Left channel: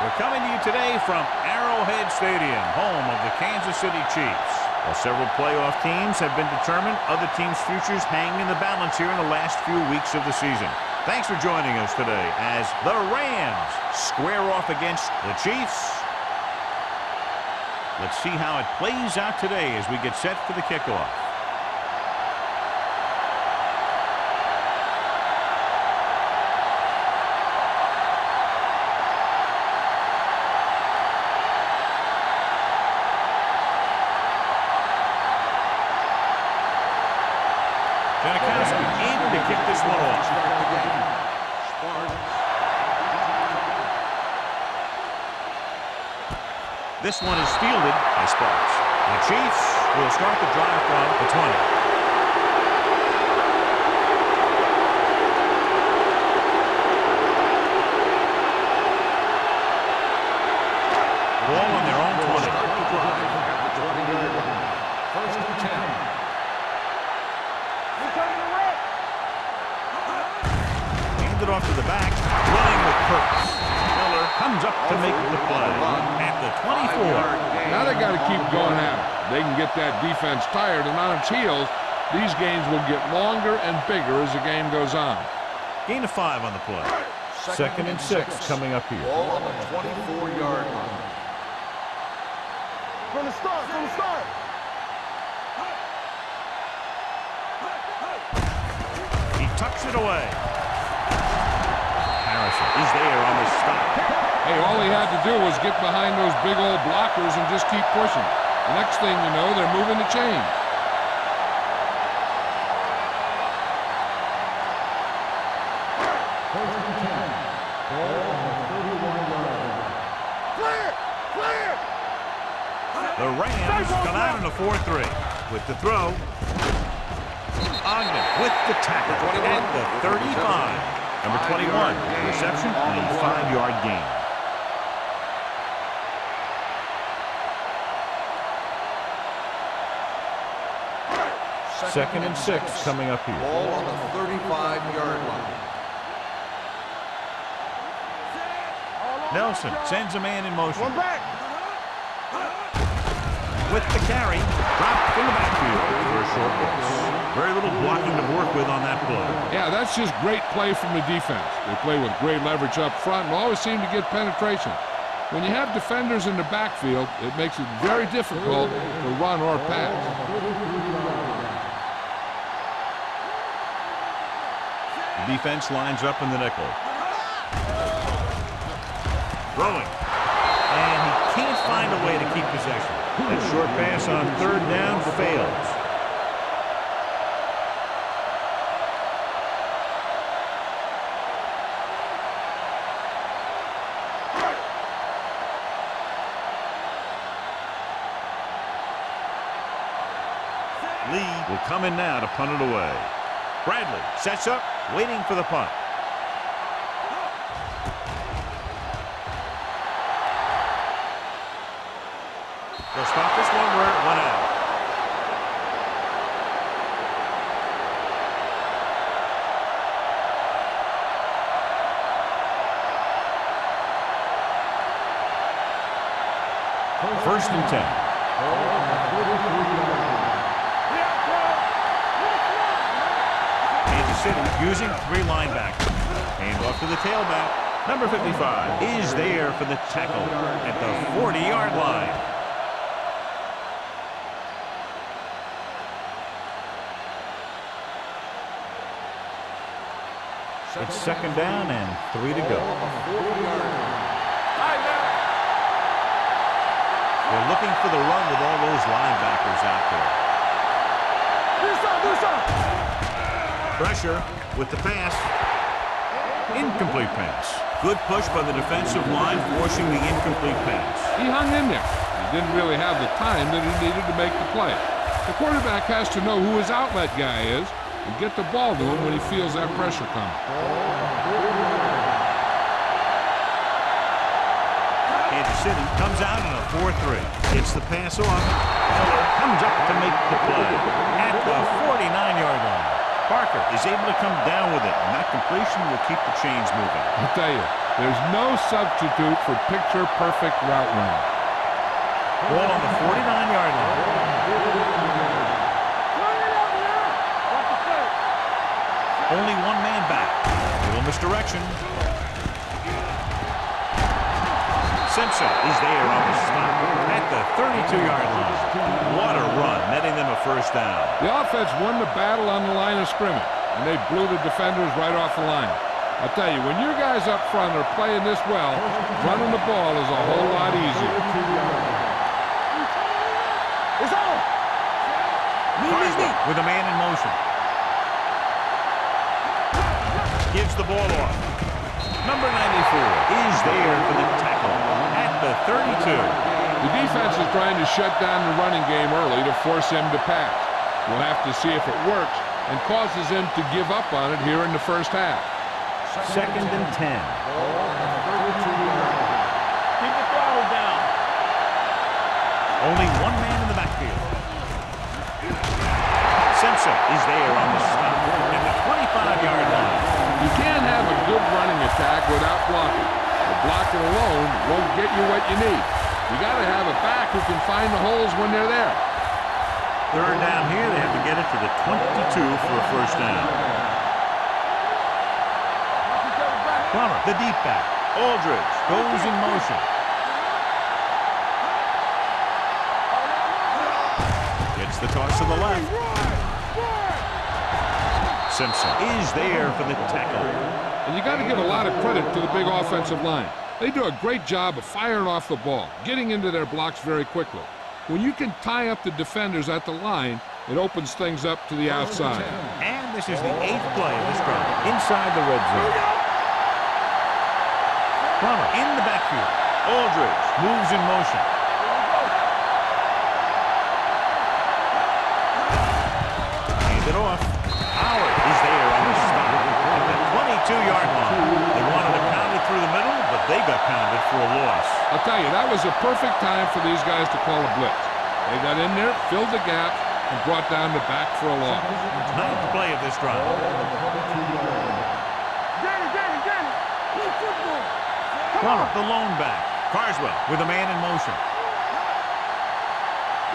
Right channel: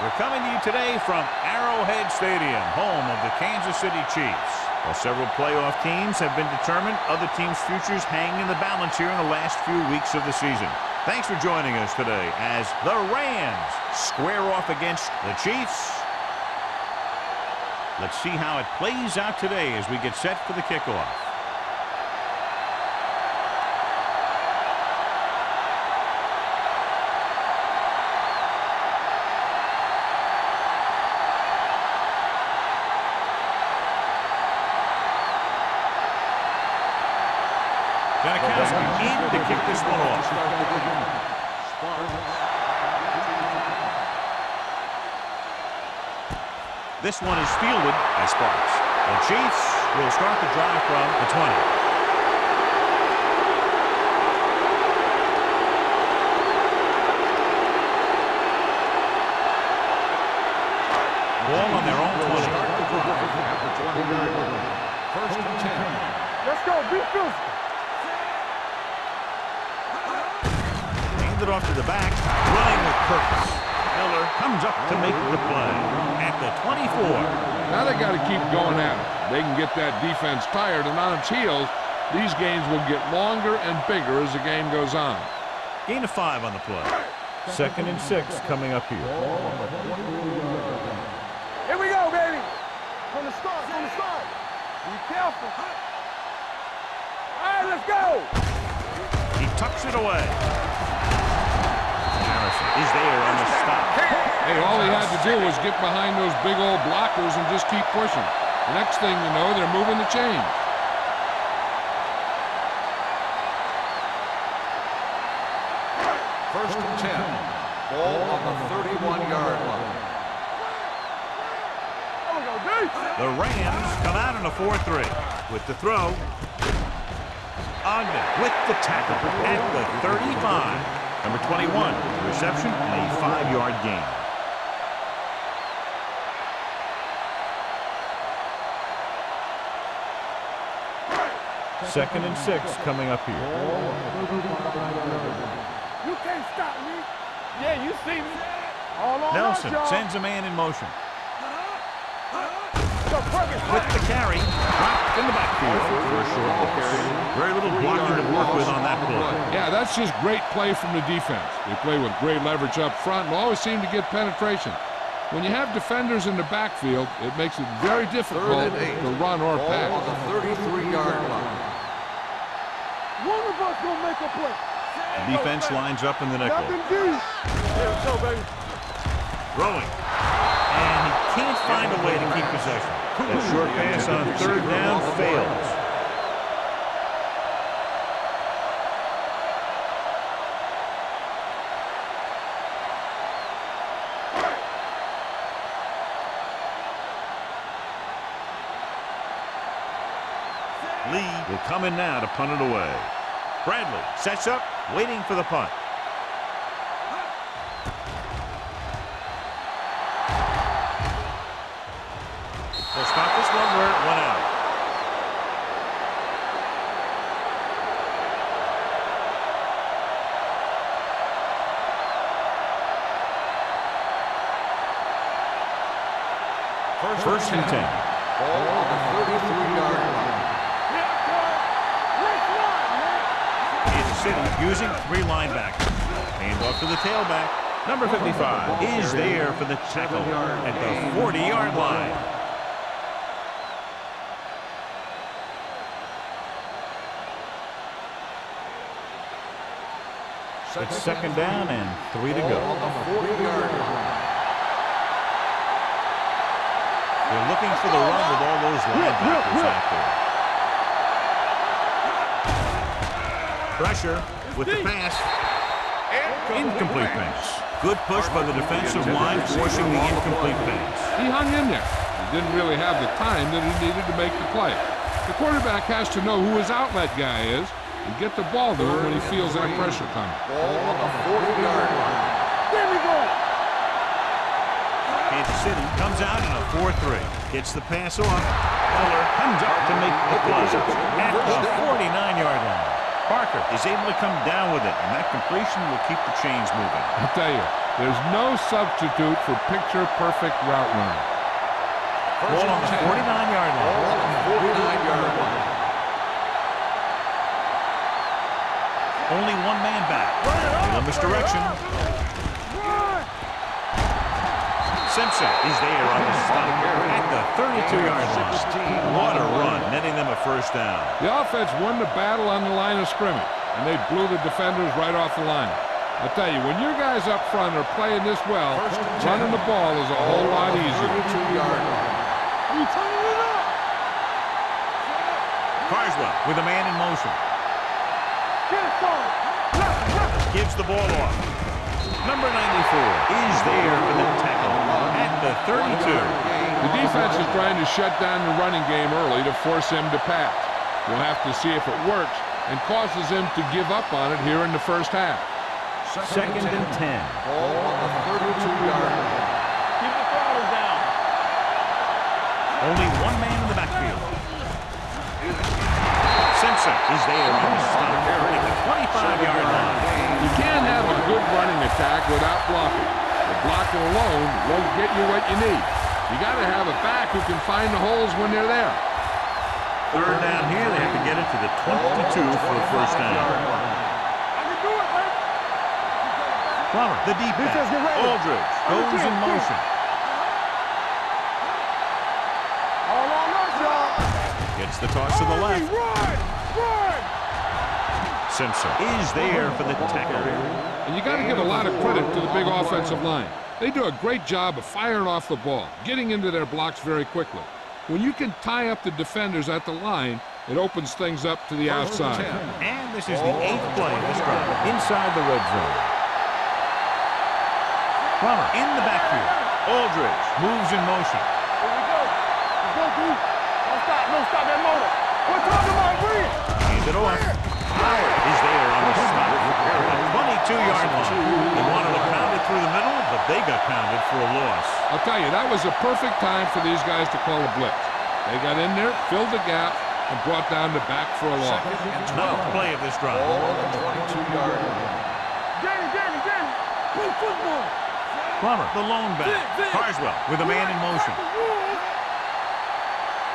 We're coming to you today from Arrowhead Stadium, home of the Kansas City Chiefs. While several playoff teams have been determined, other teams' futures hang in the balance here in the last few weeks of the season. Thanks for joining us today as the Rams square off against the Chiefs. Let's see how it plays out today as we get set for the kickoff. Janikowski in to kick this one off. Start the game. This one is fielded by Sparks. The Chiefs will start the drive from the 20. Ball on their own 20. Start the drive at the 20-yard line. First and 10. Let's go, defense. Hand it off to the back, running with purpose. Miller comes up to make the play at the 24. Now they got to keep going at it. They can get that defense tired and on its heels. These games will get longer and bigger as the game goes on. Gain of 5 on the play. Second and 6 coming up here. Ball on the 24-yard line. Here we go, baby. From the start, from the start. Be careful. All right, let's go. He tucks it away. Harrison is there on the stop. Hey, all he had to do was get behind those big old blockers and just keep pushing. The next thing you know, they're moving the chains. First and 10. Ball on the 31-yard line. Clear, clear. The Rams come out in a 4-3 with the throw. Ogden with the tackle at the 35. Number 21, reception and a 5-yard gain. Second and 6 coming up here. Ball on the 35-yard line. You can't stop me. Yeah, you see that. All on Nelson that, sends a man in motion. One back. With the carry, dropped in the backfield for a short loss. Very little blocking to work with on that play. Yeah, that's just great play from the defense. They play with great leverage up front and always seem to get penetration. When you have defenders in the backfield, it makes it very difficult to run or pass. Ball on the 33-yard line. One of us will make a play. The defense lines up in the nickel. Throwing. And he can't find a way to keep possession. That short pass on third down fails. Lee will come in now to punt it away. Bradley sets up, waiting for the punt. They'll stop this one where it went out. First and 10. Ball on the 33-yard line. Kansas City using 3 linebackers. Hand off to the tailback. Number 55 is there for the tackle at the 40-yard line. It's second down and 3 to go. On the 40-yard line. They're looking for the run with all those linebackers out there. Pressure with the pass. Incomplete pass. Good push by the defensive line, forcing the incomplete pass. He hung in there. He didn't really have the time that he needed to make the play. The quarterback has to know who his outlet guy is and get the ball to him when he feels that pressure coming. Ball on the 40-yard line. Kansas City comes out in a 4-3. Gets the pass off. Miller comes up to make the play at the 49-yard line. Parker is able to come down with it, and that completion will keep the chains moving. I'll tell you, there's no substitute for picture-perfect route running. Ball on the 49-yard line. Only one man back. Little misdirection. Simpson is there on the stop at the 32-yard line. What a run, netting them a first down. The offense won the battle on the line of scrimmage, and they blew the defenders right off the line. I'll tell you, when your guys up front are playing this well, running the ball is a whole lot easier. Carswell with a man in motion. Gives the ball off. Number 94 is there for the tackle at the 32. The defense is trying to shut down the running game early to force him to pass. We'll have to see if it works and causes him to give up on it here in the first half. Second and 10. Ball on the 32-yard line. Keep the throttle down. Only one man in the backfield. Simpson is there on the stop at the 25-yard line. You can't have a good running attack without blocking. The blocking alone won't get you what you need. You got to have a back who can find the holes when they're there. Third down here, they have to get it to the 22 for a first down. Plummer, the deep back. Aldridge goes in motion. Gets the toss to the left. Simpson is there for the tackle. And you got to give a lot of credit to the big offensive line. They do a great job of firing off the ball, getting into their blocks very quickly. When you can tie up the defenders at the line, it opens things up to the outside. And this is the 8th play of this drive inside the red zone. Plummer in the backfield. Aldridge moves in motion. Hand it off. Howard is there on the stop at the 22-yard line. They wanted to pound it through the middle, but they got pounded for a loss. I'll tell you, that was a perfect time for these guys to call a blitz. They got in there, filled the gap, and brought down the back for a loss. 9th play of this drive. Danny, play football. Plummer, the lone back. Carswell with a man in motion.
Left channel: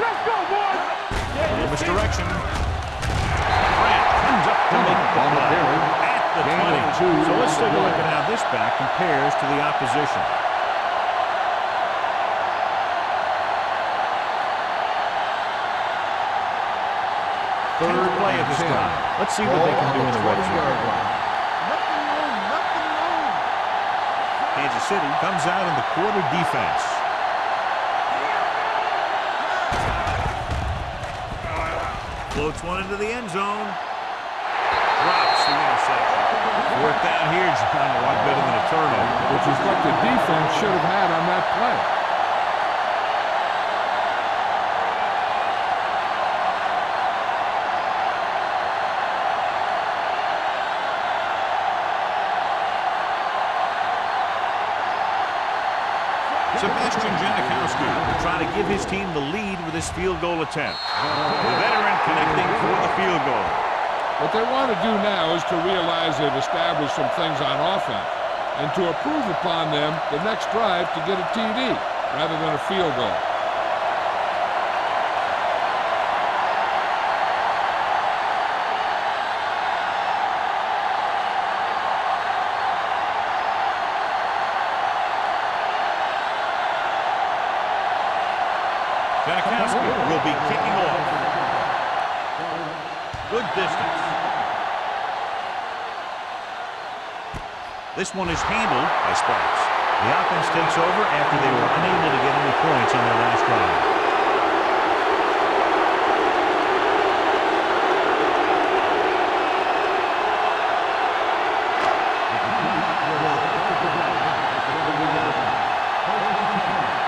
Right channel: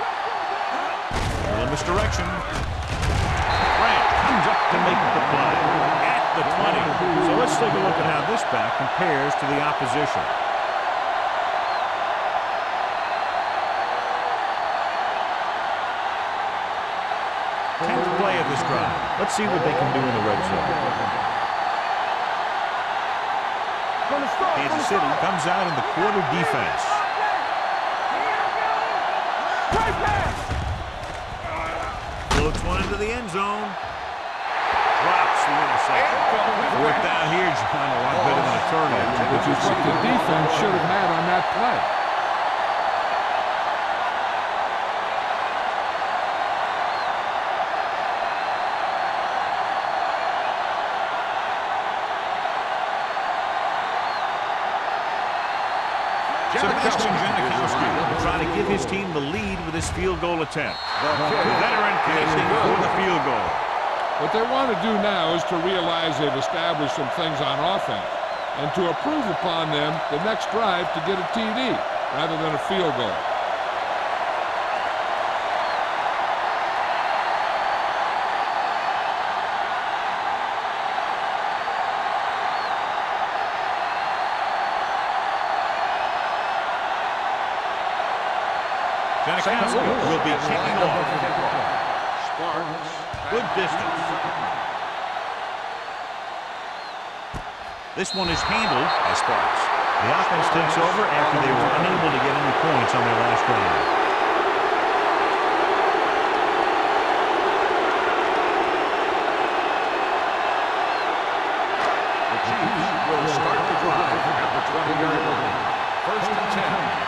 Let's go, boys. A little misdirection. Grant comes up to make the play at the 20. So let's take a look at how this back compares to the opposition. 10th play of this drive. Let's see what they can do in the red zone. Kansas City comes out in the quarter defense. Floats one into the end zone. Drops the interception. 4th down here, John, a lot better than a turnover. Which is what the defense should have had on that play. Sebastian Janikowski will try to give his team the lead with his field goal attempt. The veteran connecting for the field goal. What they want to do now is to realize they've established some things on offense and to improve upon them the next drive to get a TD rather than a field goal. Janikowski will be kicking off. Good distance. This one is handled by Sparks. The offense takes over after they were unable to get any points on their last drive. The Chiefs will start the drive at the 20-yard line. 1st and 10.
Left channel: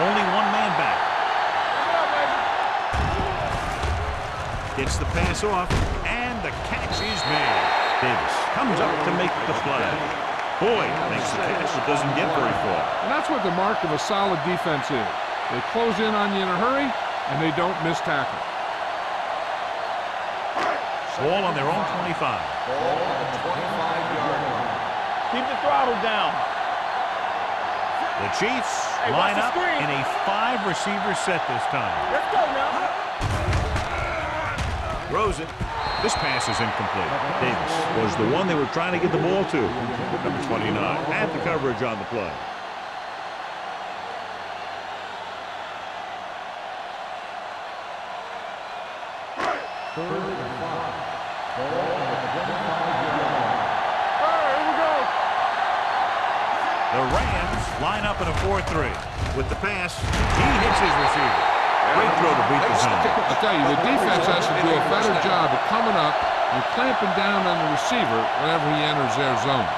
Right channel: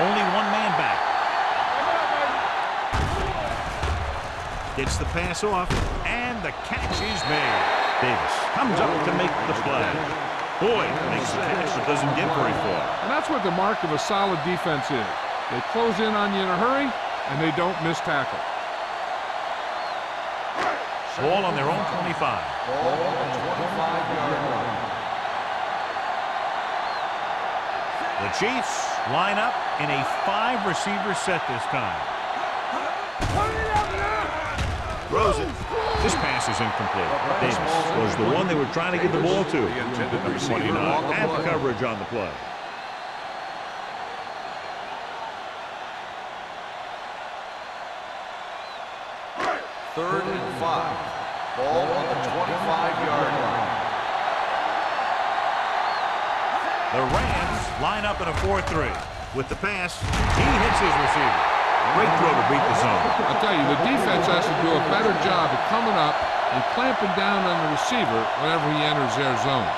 Only one man back. Gets the pass off, and the catch is made. Davis comes up to make the play. Boyd makes the catch, but doesn't get very far. And that's what the mark of a solid defense is. They close in on you in a hurry, and they don't miss tackle. Ball on their own 25. Ball on the 25-yard line. Keep the throttle down. The Chiefs line up in a 5-receiver set this time. Throws it. This pass is incomplete. Davis was the one they were trying to get the ball to. Number 29 had the coverage on the play. Third and 5. Ball on the 25-yard line. The Rams line up in a 4-3. With the pass, he hits his receiver. Great throw to beat the zone. I'll tell you, the defense has to do a better job of coming up and clamping down on the receiver whenever he enters their zone.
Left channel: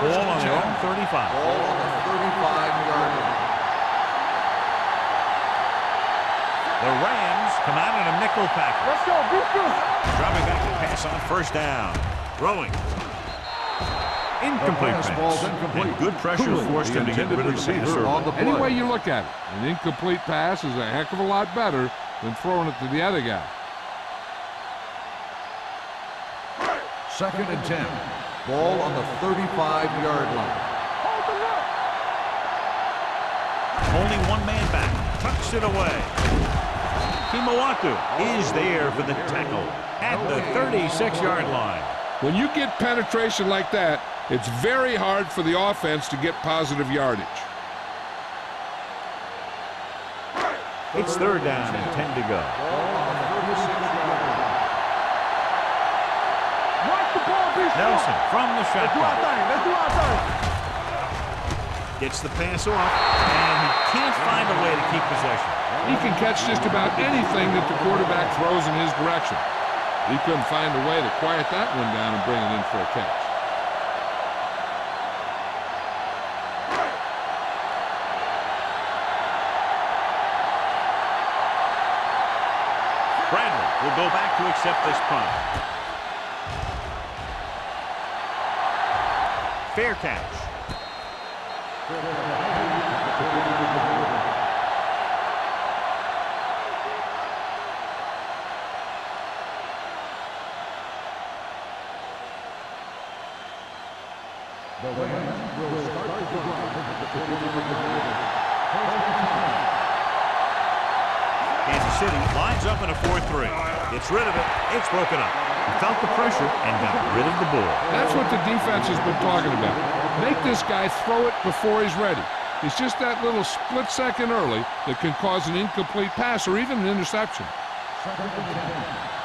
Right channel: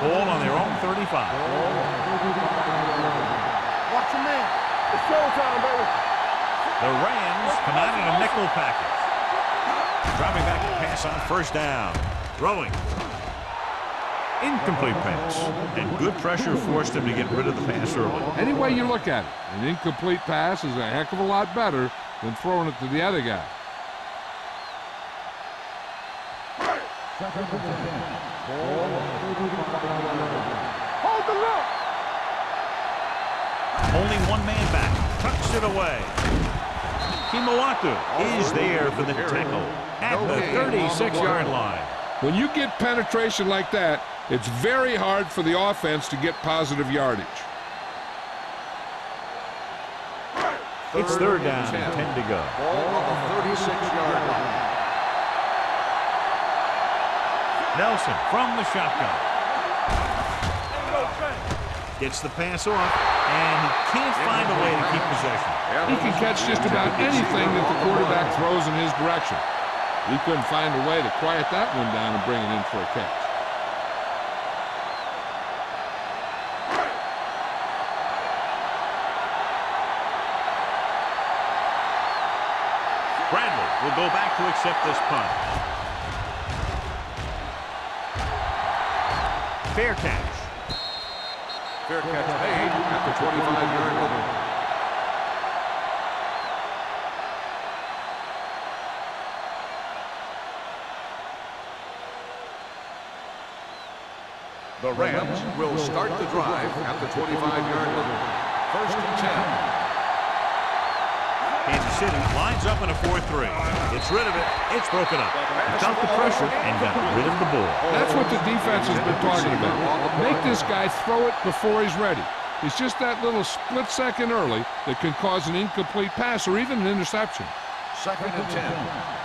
Ball on their own 35. Ball on the 35-yard line. The Rams come out in a nickel package. Dropping back to pass on first down. Throwing. Incomplete pass. And good pressure forced him to get rid of the pass early. Any way you look at it, an incomplete pass is a heck of a lot better than throwing it to the other guy. Second and 10. Ball on the 35-yard line. Hold the look. Only one man back. Tucks it away. Kimawatu is there for the tackle at the 36-yard line. When you get penetration like that, it's very hard for the offense to get positive yardage. It's third down and 10 to go. Ball on the 36-yard line. Nelson from the shotgun. Gets the pass off, and he can't find a way to keep possession. He can catch just about anything that the quarterback throws in his direction. He couldn't find a way to quiet that one down and bring it in for a catch. Bradley will go back to accept this punt. Fair catch. Fair catch made at the 25-yard line. The Rams will start the drive at the 25-yard line. First and 10. Kansas City lines up in a 4-3. Gets rid of it. It's broken up. He felt the pressure and got rid of the ball. That's what the defense has been talking about. Make this guy throw it before he's ready. It's just that little split second early that can cause an incomplete pass or even an interception. Second and 10.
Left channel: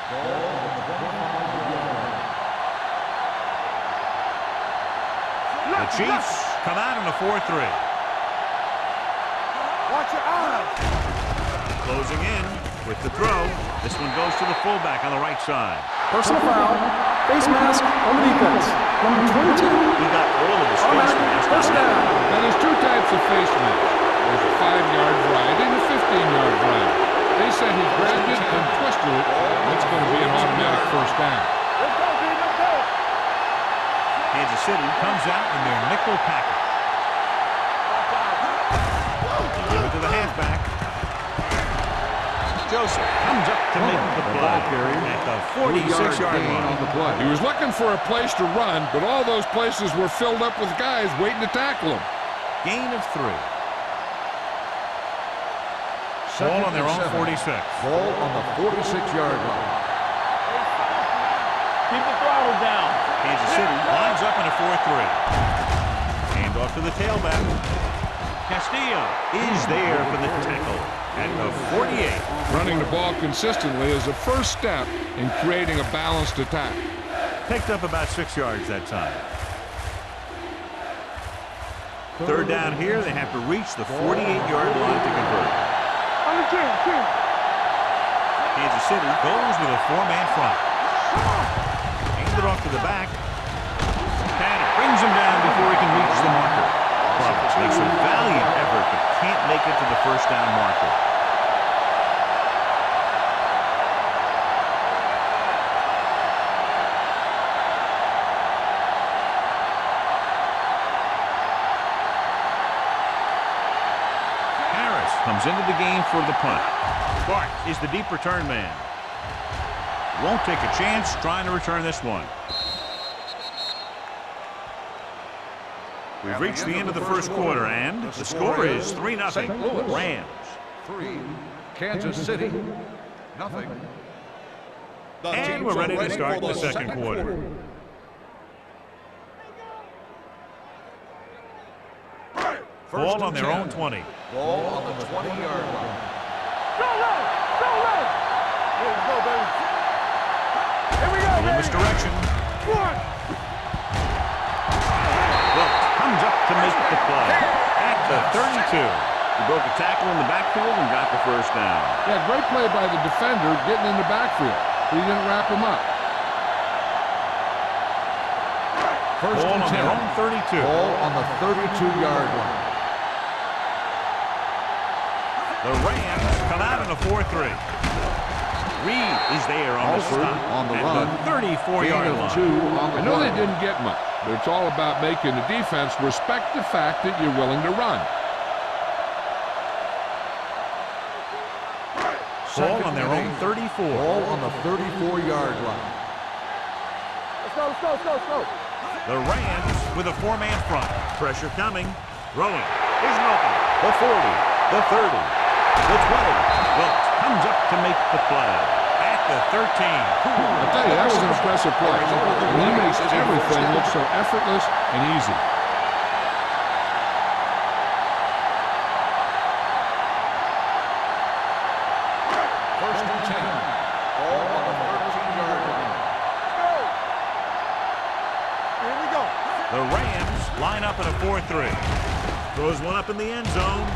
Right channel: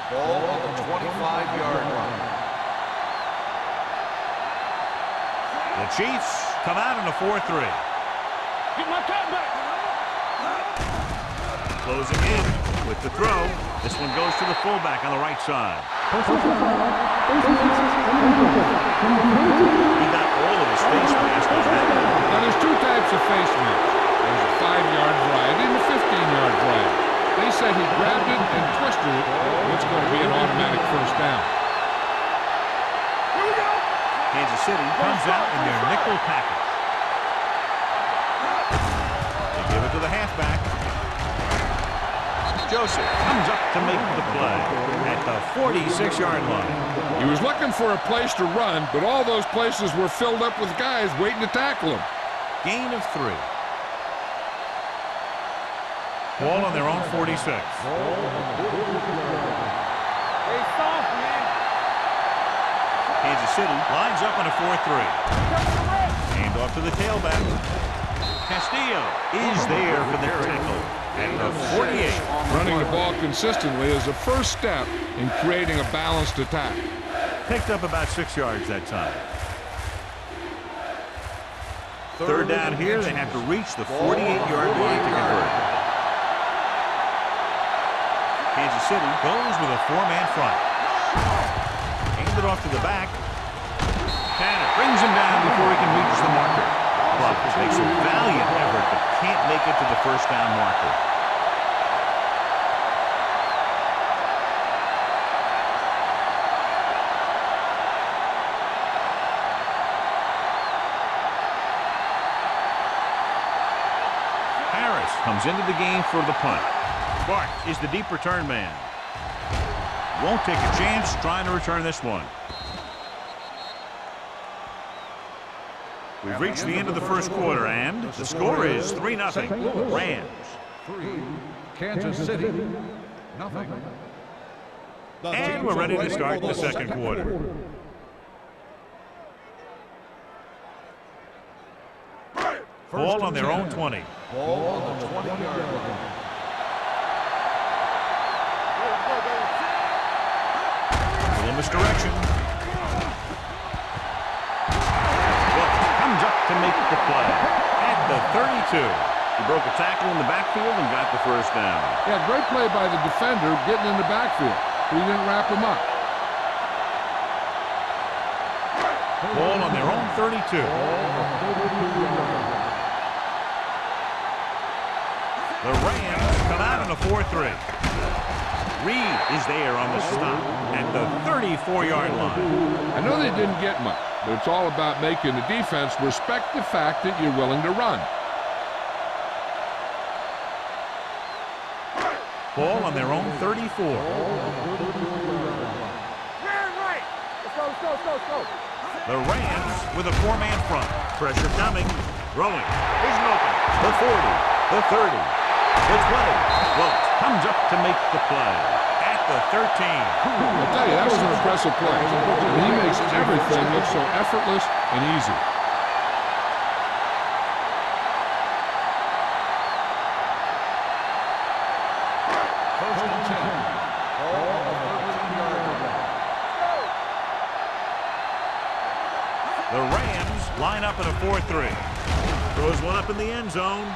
Ball on the 25-yard line. The Chiefs come out in a 4-3. Closing in with the throw. This one goes to the fullback on the right side. Personal foul, face mask on the defense. Number 22. He got all of his face mask on that one. Now, there's two types of face masks. There's a 5-yard variety and a 15-yard variety. They said he grabbed it and twisted it. It's going to be an automatic first down. Kansas City comes out in their nickel package. They give it to the halfback. Joseph comes up to make the play at the 46-yard line. He was looking for a place to run, but all those places were filled up with guys waiting to tackle him. Gain of 3. Ball on their own 46. Ball on the 46-yard line. Hey, soft, man. Keep the throttle down. Kansas City lines up in a 4-3. Hand off to the tailback. Castillo is there for the tackle at the 48. Running the ball consistently is a first step in creating a balanced attack. Picked up about 6 yards that time. Third down here, they have to reach the 48-yard line to convert. Kansas City goes with a 4-man front. Hands it off to the back. Tanner brings him down before he can reach the marker. Clovis makes a valiant effort but can't make it to the first down marker. Harris comes into the game for the punt. Bart is the deep return man. Won't take a chance trying to return this one. We've reached the end of the first quarter, and the score is 3-0 Rams. 3, Kansas City, nothing. And we're ready to start the second quarter. Ball on their own 20. Ball on the 20-yard line. A little misdirection. Well, comes up to make the play at the 32. He broke a tackle in the backfield and got the first down. Yeah, great play by the defender getting in the backfield, but he didn't wrap him up. Ball on their own 32. Ball on the 32-yard line. The Rams come out in a 4-3. Reed is there on the stop at the 34-yard line. I know they didn't get much, but it's all about making the defense respect the fact that you're willing to run. Ball on their own 34. Ball on the 34-yard line. Let's go, let's go, let's go, let's go. The Rams with a 4-man front. Pressure coming. Throwing. Here's an opening. The 40. The 30. The 20. Wilt comes up to make the play at the 13. I'll tell you, that was an impressive play. I mean, he makes everything look so effortless and easy. First and 10. Ball on the 13-yard line. The Rams line up in a 4-3. Throws one up in the end zone.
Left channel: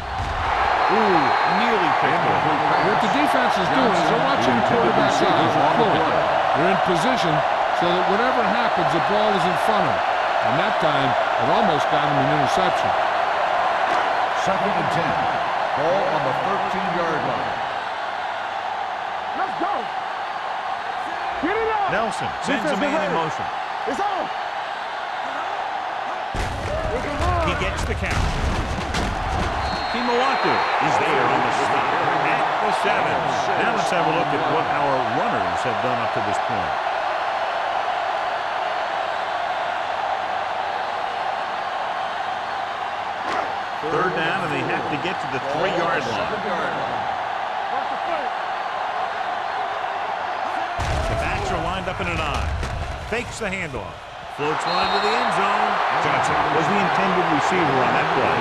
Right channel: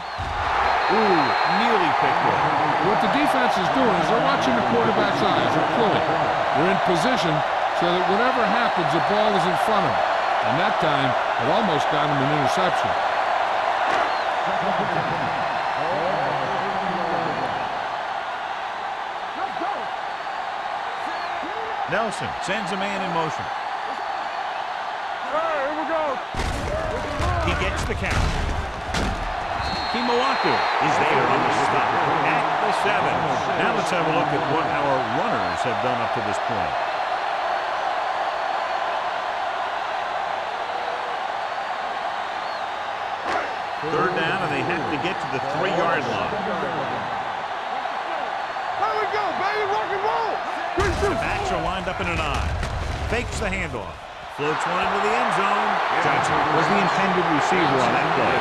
Ooh, nearly picked off. What the defense is doing is they're watching the quarterback's eyes. They're cluing. They're in position so that whatever happens, the ball is in front of them. And that time, it almost got him an interception. Second and 10. Ball on the 13-yard line. Let's go. Nelson sends a man in motion. It's on. Here we go. He gets the count. Kimawatu is there on the stop at the 7. Now let's have a look at what our runners have done up to this point. Third down, and they have to get to the 3-yard line. Watch the play. There we go, baby. Rock and roll. The backs are lined up in an I. Fakes the handoff. Floats one into the end zone. Johnson was the intended receiver on that play.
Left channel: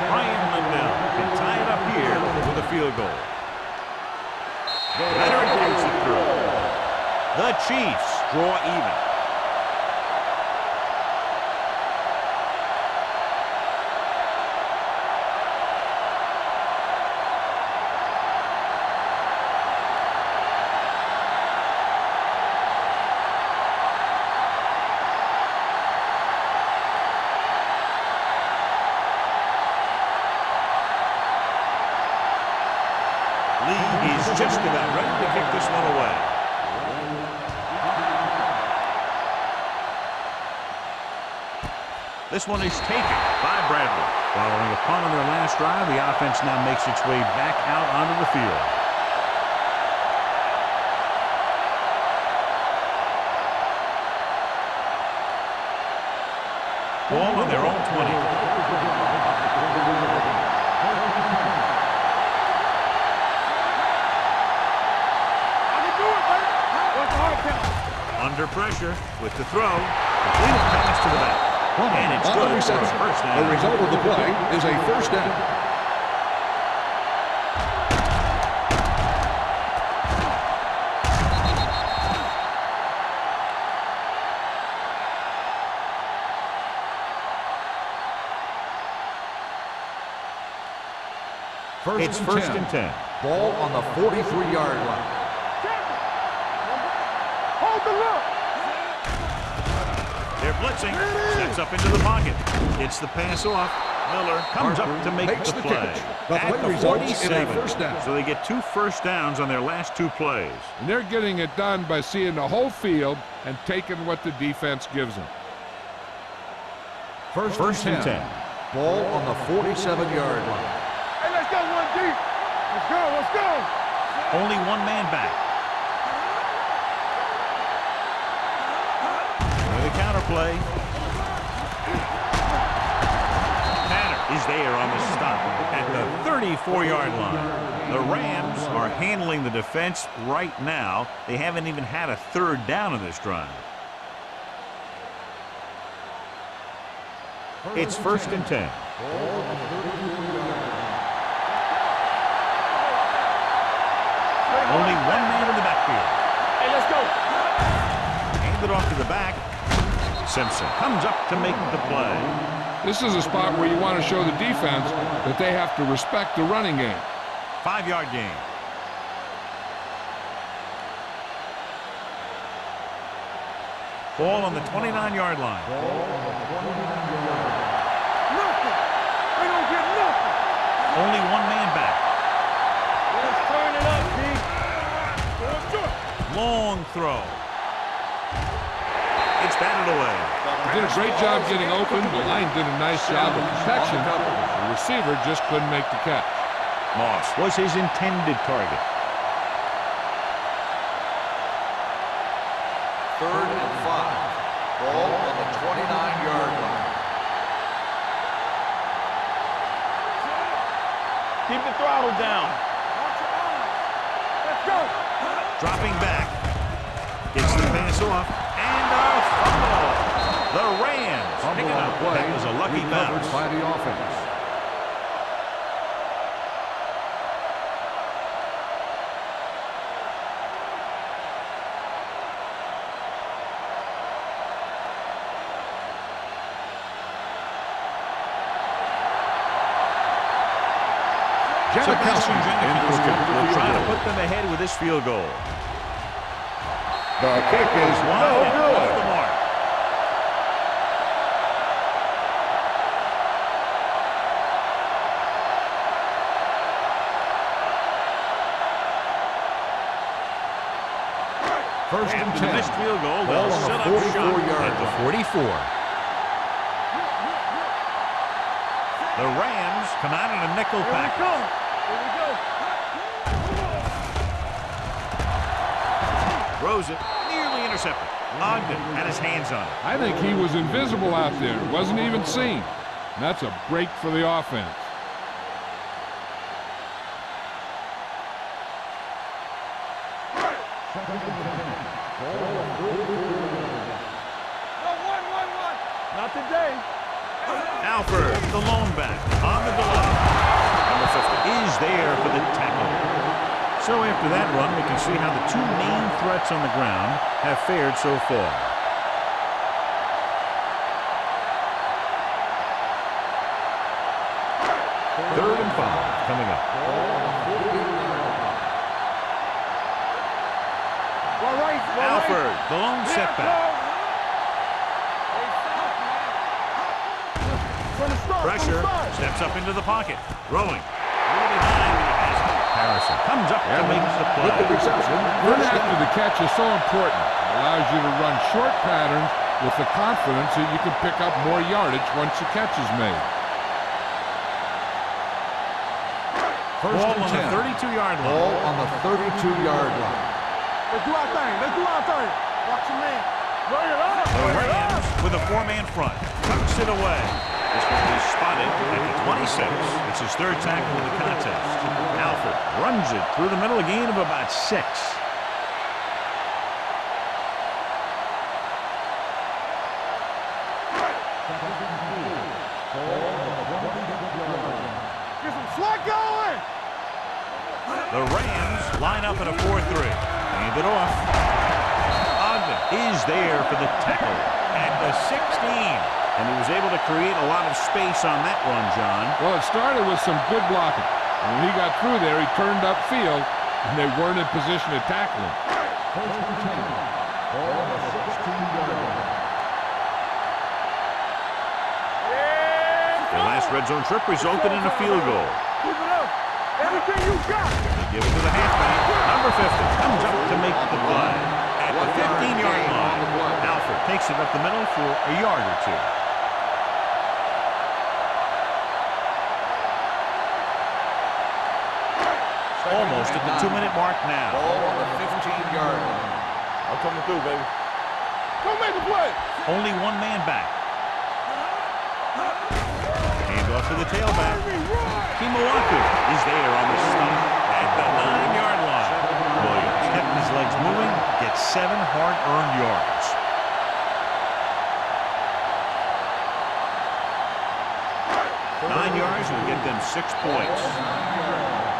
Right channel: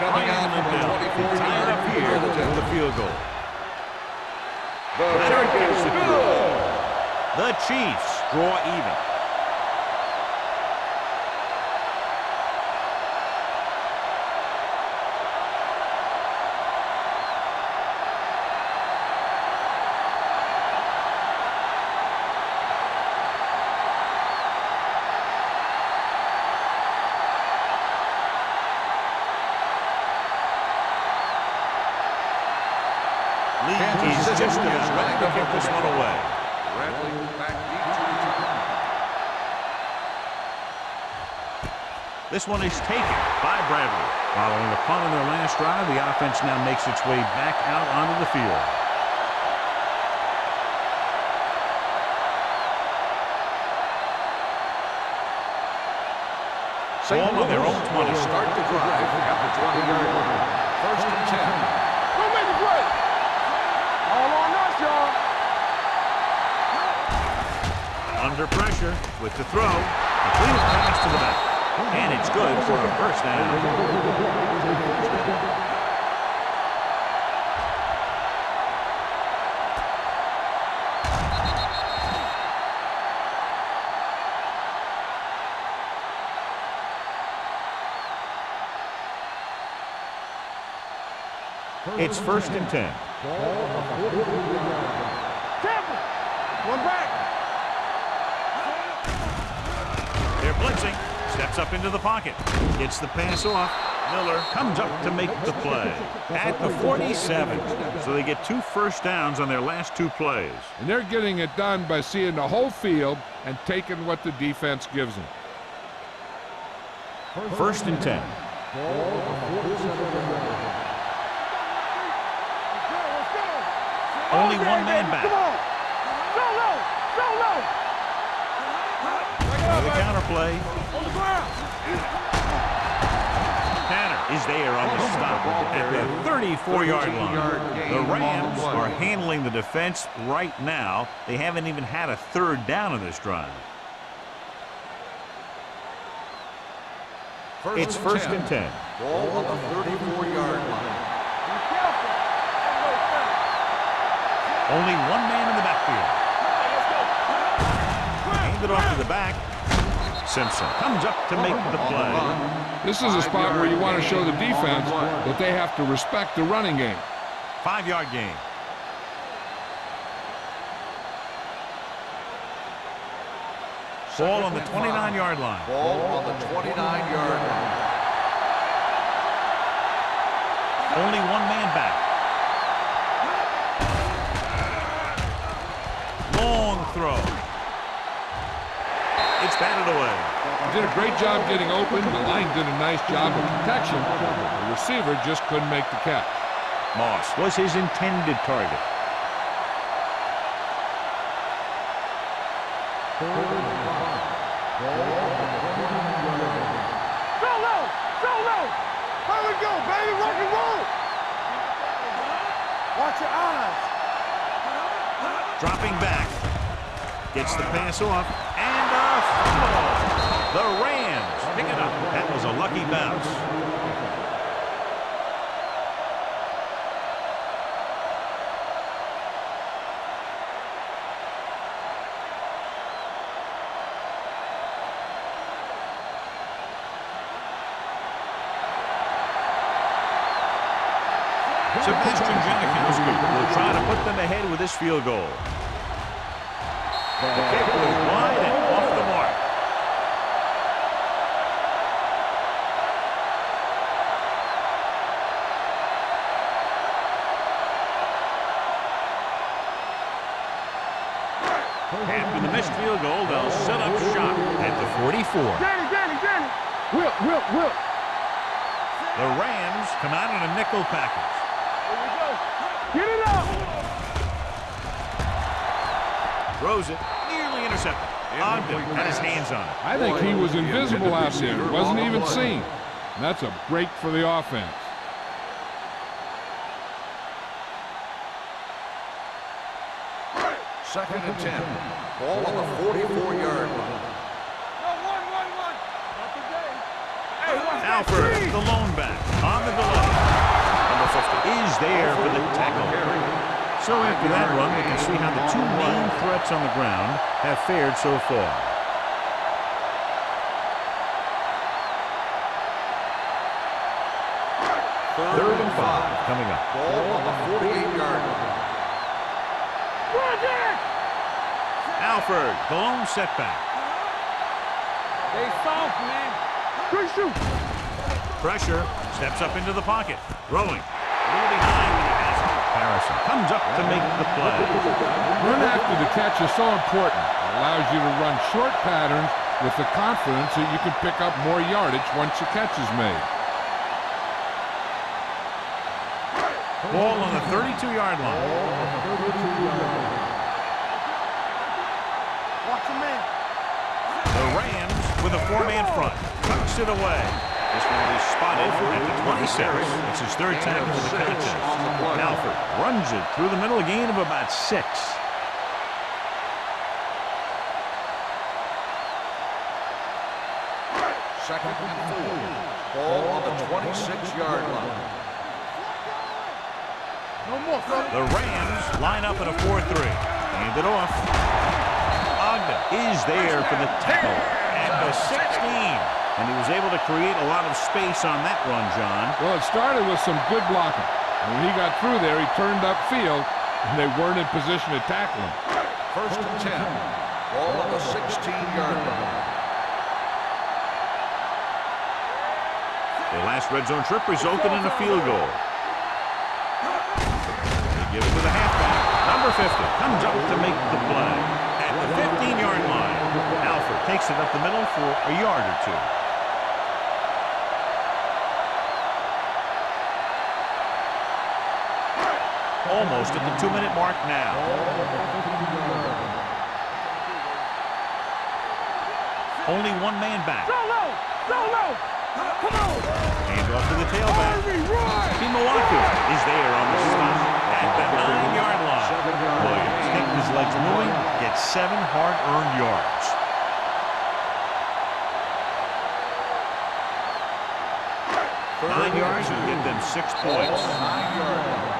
Ryan Lindell can tie it up here with a field goal. Leonard gets it through. The Chiefs draw even. Lee is just about ready to kick this one away. This one is taken by Bradley. Following a punt on their last drive, the offense now makes its way back out onto the field. Ball on their own 20. Start the drive at the 20-yard line. First and 10. Go make the play. All on us, y'all. I can do it, baby. Under pressure with the throw. Completed pass to the back. And it's good for a first The down. result of the play is a first down. It's first and 10. Ball on the 43-yard line. Tampa. One back. Hold the look. They're blitzing. Steps up into the pocket. Gets the pass off. Miller comes up to make the play at the 47. So they get 2 first downs on their last 2 plays. And they're getting it done by seeing the whole field and taking what the defense gives them. First and 10. Ball on the 47-yard line. Hey, let's go, 1D. Let's go, let's go. Only one man back. Come on. With a counter play. On the ground. Tanner is there on the stop at the 34-yard line. The Rams are handling the defense right now. They haven't even had a 3rd down of this drive. It's first and 10. Ball on the 34-yard line. Only one man in the backfield. Hey, let's go. Hand it off to the back. Simpson comes up to make the play. This is a spot where you want to show the defense that they have to respect the running game. 5-yard gain. Ball on the 29-yard line. Ball on the 29-yard line. We don't get nothing. Only one man back. Turn it up, Long throw. It's batted away. He did a great job getting open. The line did a nice job of protection. The receiver just couldn't make the catch. Moss was his intended target. 3rd and 5. Ball on the 29-yard line. Go low. Go low. Where we go, baby? Where we go? Keep the throttle down. Watch your eyes. Let's go. Dropping back. Gets the pass off. And a fumble. The Rams pick it up. That was a lucky bounce. By the offense. Sebastian Janikowski will try to put them ahead with this field goal. The kick is wide and off the mark. After the missed field goal, they'll set up shop at the 44. Danny. Will. The Rams come out in a nickel package. Here we go. Get it up. Throws it, nearly intercepted. Ogden had his hands on it. I think he was invisible out there. Wasn't even seen. And that's a break for the offense. Second and 10. Ball on the 44-yard line. No, one. Not today. Alford, the lone back, on the delay. Number 50 is there for the tackle. So after that run, we can see how the 2 main threats on the ground have fared so far. Third and 5 coming up. Ball on the 48-yard line. Alford, the lone setback. They soft, man. Pressure, steps up into the pocket. Throwing. A little behind, but he has it. Harrison comes up to make the play. Run after the catch is so important. It allows you to run short patterns with the confidence that you can pick up more yardage once the catch is made. Ball on the 32-yard line. Ball on the 32-yard line. Let's go out there. Watch your man. The Rams with a 4-man front. Tucks it away. This one will be spotted at the 26. It's his 3rd tackle of the contest. Alford runs it through the middle, a gain of about 6. Second and 4. Ball on the 26-yard line. The Rams line up in a 4-3. Hand it off. Ogden is there for the tackle at the 16. And he was able to create a lot of space on that run, John. Well, it started with some good blocking. And when he got through there, he turned upfield, and they weren't in position to tackle him. First and 10. Ball on the 16-yard line. Their last red zone trip resulted in a field goal. They give it to the halfback. Number 50 comes up to make the play. At the 15-yard line, Alford takes it up the middle for a yard or two. Almost at the 2-minute mark now. Ball on the 15-yard line. I'm coming through, baby. Don't make a play. Only one man back. Go low. Hand off to the tailback. Kimawaku is there on the stop at the 9-yard line. Williams kept his legs moving, gets 7 hard-earned yards. Nine yards will get them 6 points. 9-yard line.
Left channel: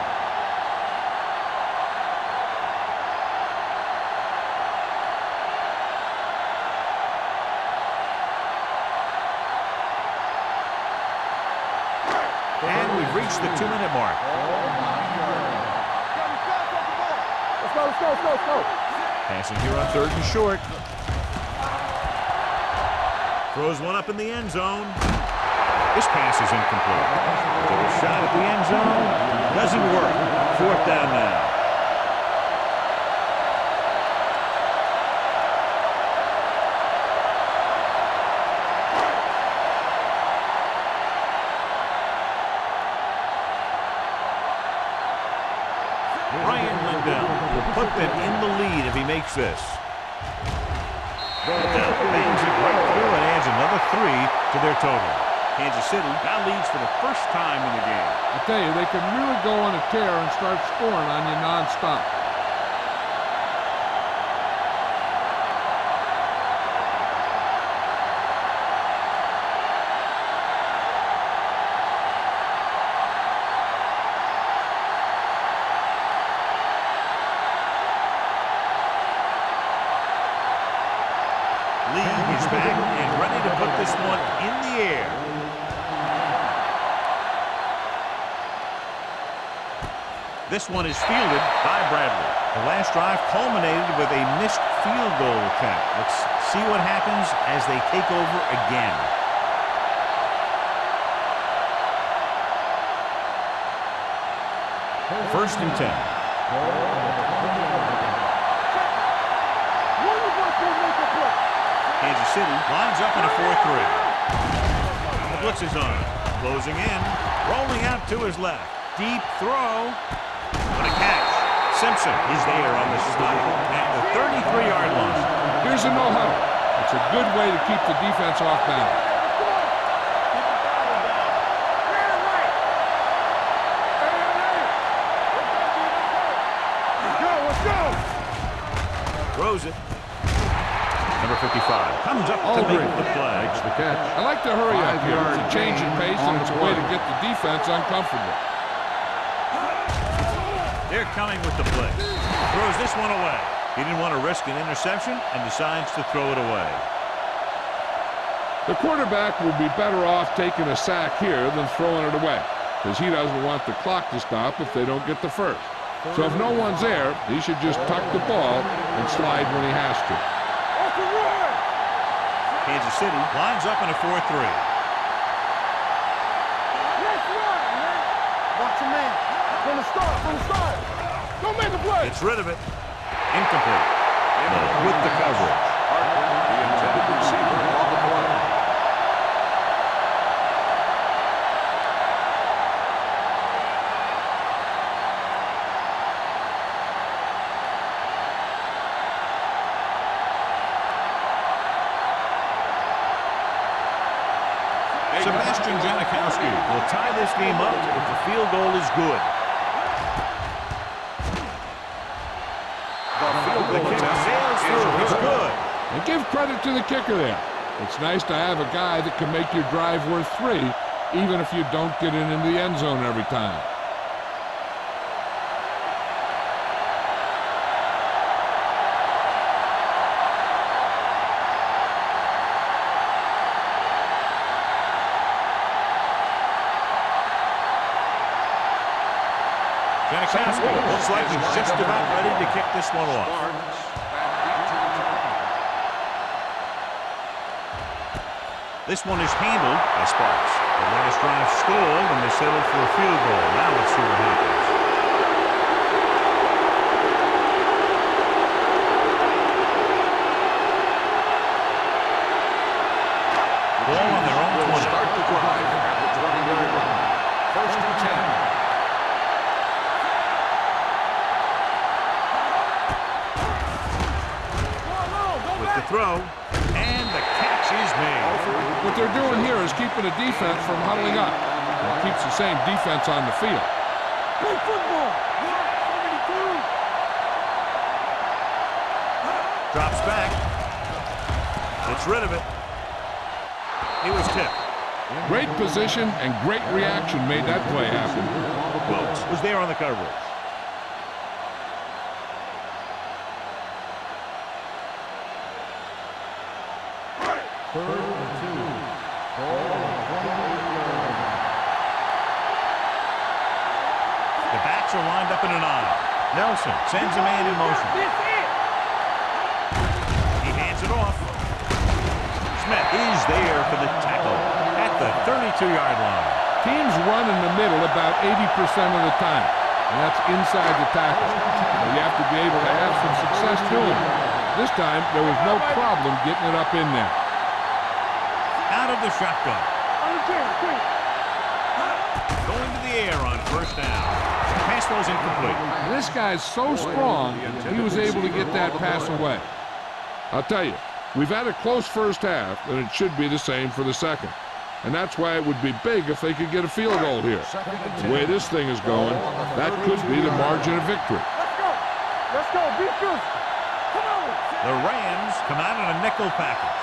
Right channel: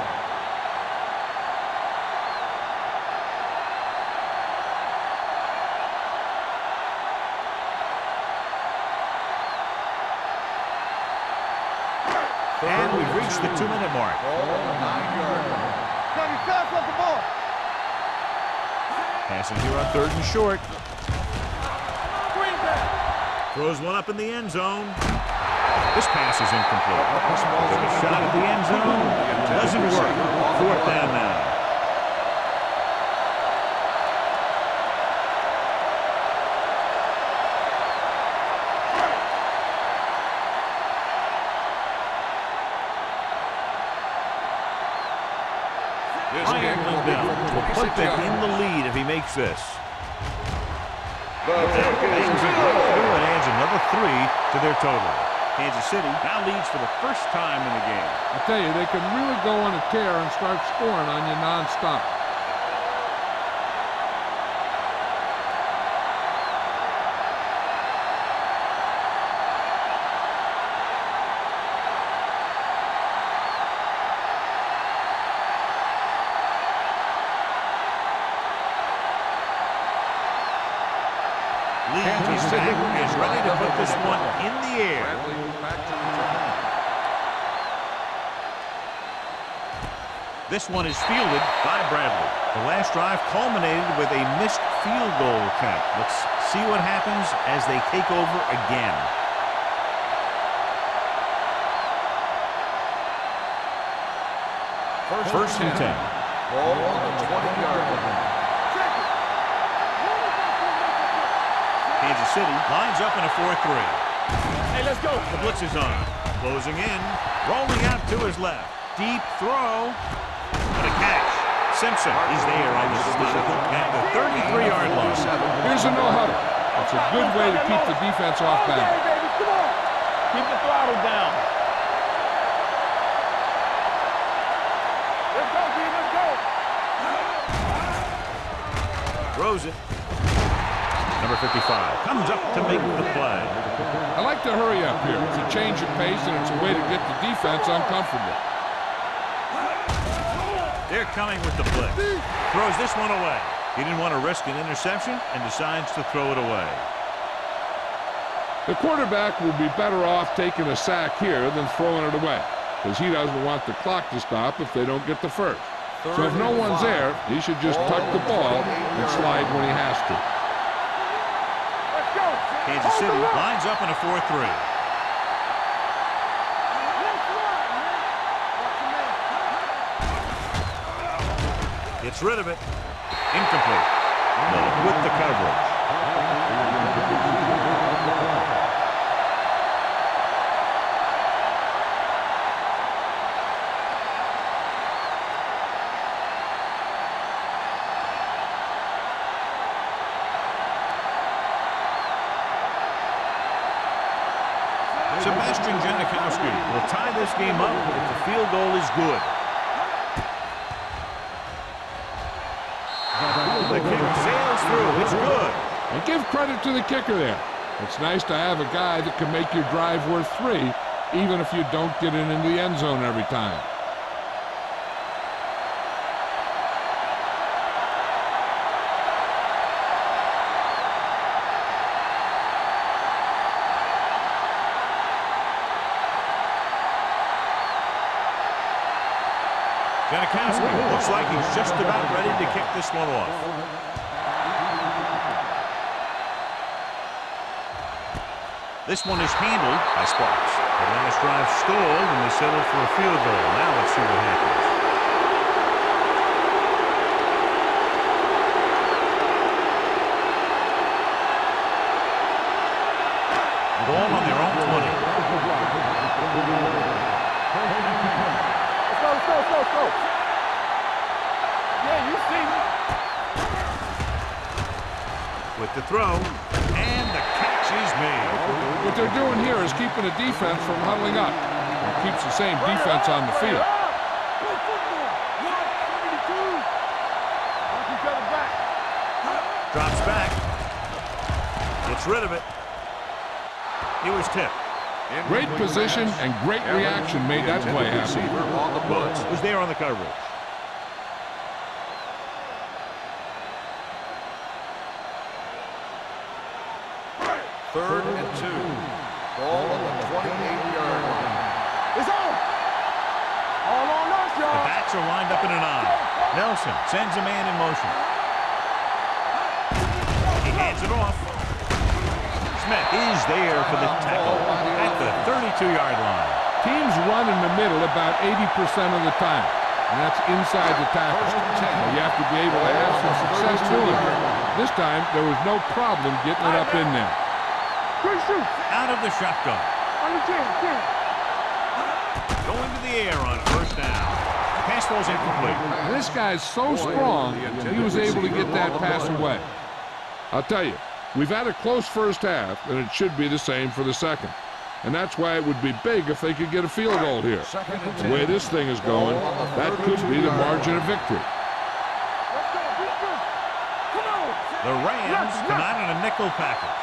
And we've reached the 2-minute mark. Ball on the 9-yard line. Got me fast off the ball. Let's go. Passing here on 3rd and short. Throws one up in the end zone. This pass is incomplete. Took a shot at the end zone. Doesn't work. 4th down now. Ryan Lindell will put them in the lead if he makes this. Lindell bangs it right through and adds another 3 to their total. Kansas City now leads for the first time in the game. I tell you, they can really go on a tear and start scoring on you nonstop. Lee is back and ready to put this one in the air. This one is fielded by Bradley. The last drive culminated with a missed field goal attempt. Let's see what happens as they take over again. First and 10. Ball on the 20-yard line. Check it. One of us will make a play. Kansas City lines up in a 4-3. Hey, let's go. The blitz is on. Closing in. Rolling out to his left. Deep throw. What a catch. Simpson is there on the stop at the 33-yard line. Here's a no-huddle. It's a good way to keep the defense off balance. Hey, baby, come on. Keep the throttle down. Let's go, D. Let's go. Throws it. Number 55 comes up to make the play. I like to hurry up here. It's a change of pace, and it's a way to get the defense uncomfortable. They're coming with the blitz. Throws this one away. He didn't want to risk an interception and decides to throw it away. The quarterback will be better off taking a sack here than throwing it away, because he doesn't want the clock to stop if they don't get the first. So if no one's there, he should just tuck the ball and slide when he has to. Kansas City lines up in a 4-3. Let's run, man. Watch your man. From the start. Don't make a play. Gets rid of it. Incomplete. Miller with the coverage. The intended receiver on the play. Sebastian Janikowski will tie this game up if the field goal is good. The kick sails through. It's good. And give credit to the kicker there. It's nice to have a guy that can make your drive worth 3, even if you don't get it into the end zone every time. Janikowski looks like he's just about ready to kick this one off. This one is handled by Sparks. The last drive stalled, and they settled for a field goal. Now let's see what happens. Ball on their own 20. Start the drive at the 20-yard line. First and 10. Let's go. Yeah, you see her. With the throw, and the catch is made. What they're doing here is keeping the defense from huddling up. And keeps the same defense on the field. Play football. 72. Drops back. Gets rid of it. He was tipped. Great position and great reaction made that play happen. Wilkes was there on the coverage. Third and 2. Ball on the 28-yard line. It's on. All on us. The backs are lined up in an I. Nelson sends a man in motion. He hands it off. Smith is there for the tackle at the 32-yard line. Teams run in the middle about 80% of the time, and that's inside the tackle. So you have to be able to have some success doing it. This time, there was no problem getting it up in there. Out of the shotgun. On the 10. Going to the air on first down. Pass ball's incomplete. And this guy's so strong, he was able to get that pass away. I'll tell you, we've had a close first half, and it should be the same for the second. And that's why it would be big if they could get a field goal here. The way this thing is going, that could be the margin of victory. Let's go. Be good. Come on. The Rams come out in a nickel package.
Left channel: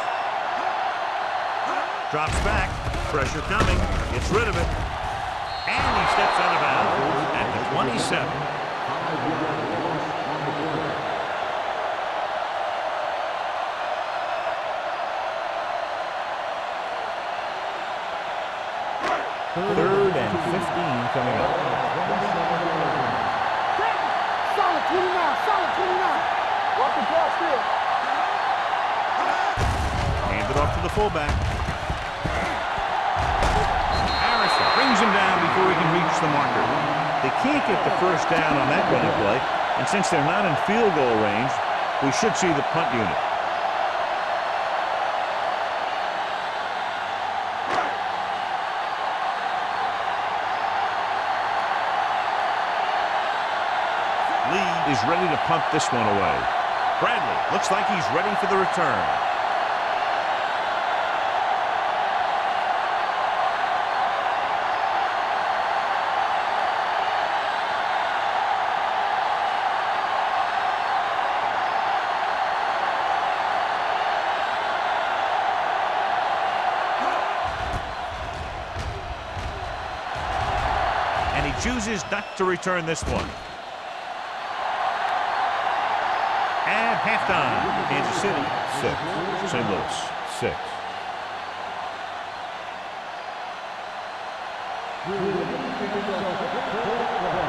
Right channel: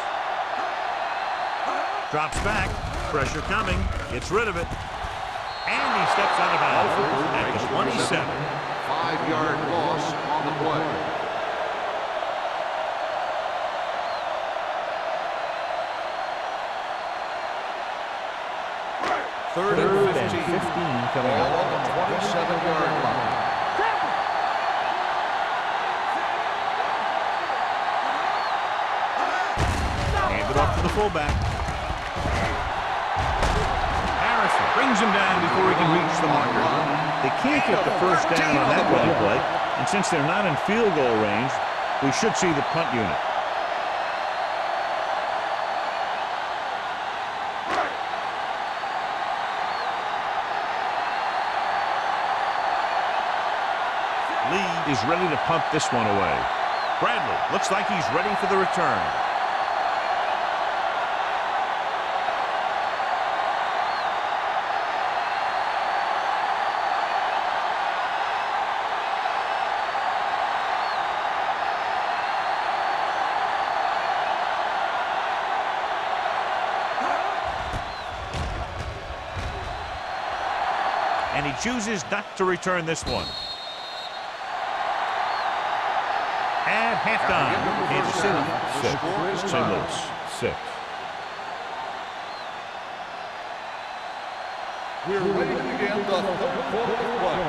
Drops back. Pressure coming. Gets rid of it. And he steps out of bounds at the 27. 5-yard loss on the play. Third and 15 coming up. 27-yard line. Campbell. Solid 29. Hand it off to the fullback. Harrison brings him down before he can reach the marker. They can't get the first down on that running play, and since they're not in field goal range, we should see the punt unit. Lee is ready to punt this one away. Bradley looks like he's ready for the return. And he chooses not to return this one. At halftime, Kansas City 6, St. Louis 6. We're ready to begin the third quarter of play.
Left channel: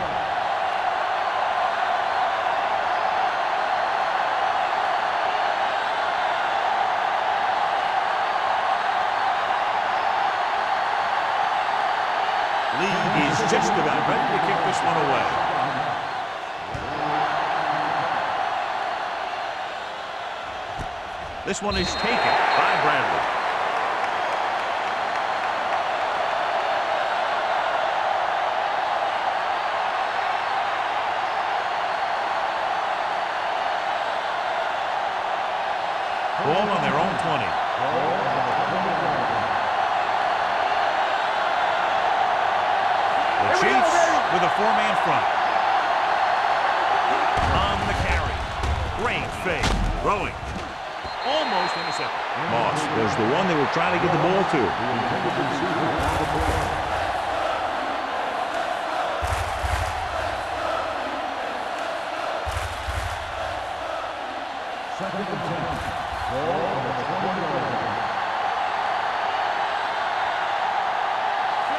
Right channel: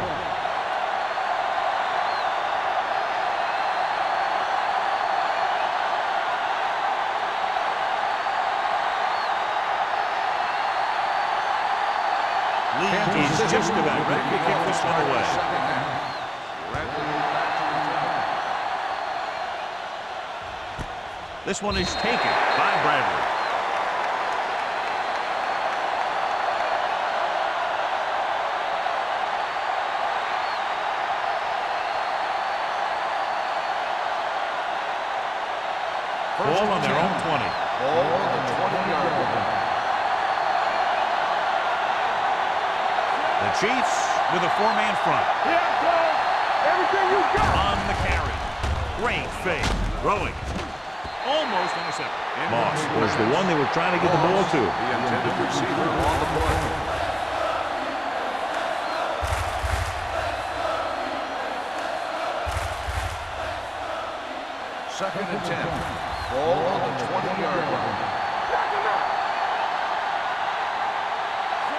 Lee is just about ready to kick this one away. This one is taken by Bradley. Ball on their own 20. Ball on the 20-yard line. The Chiefs with a four-man front. On the carry. Great fake. Throwing. Almost intercepted. Moss was the one they were trying to get the ball to. Second and 10. Ball on the 20-yard line.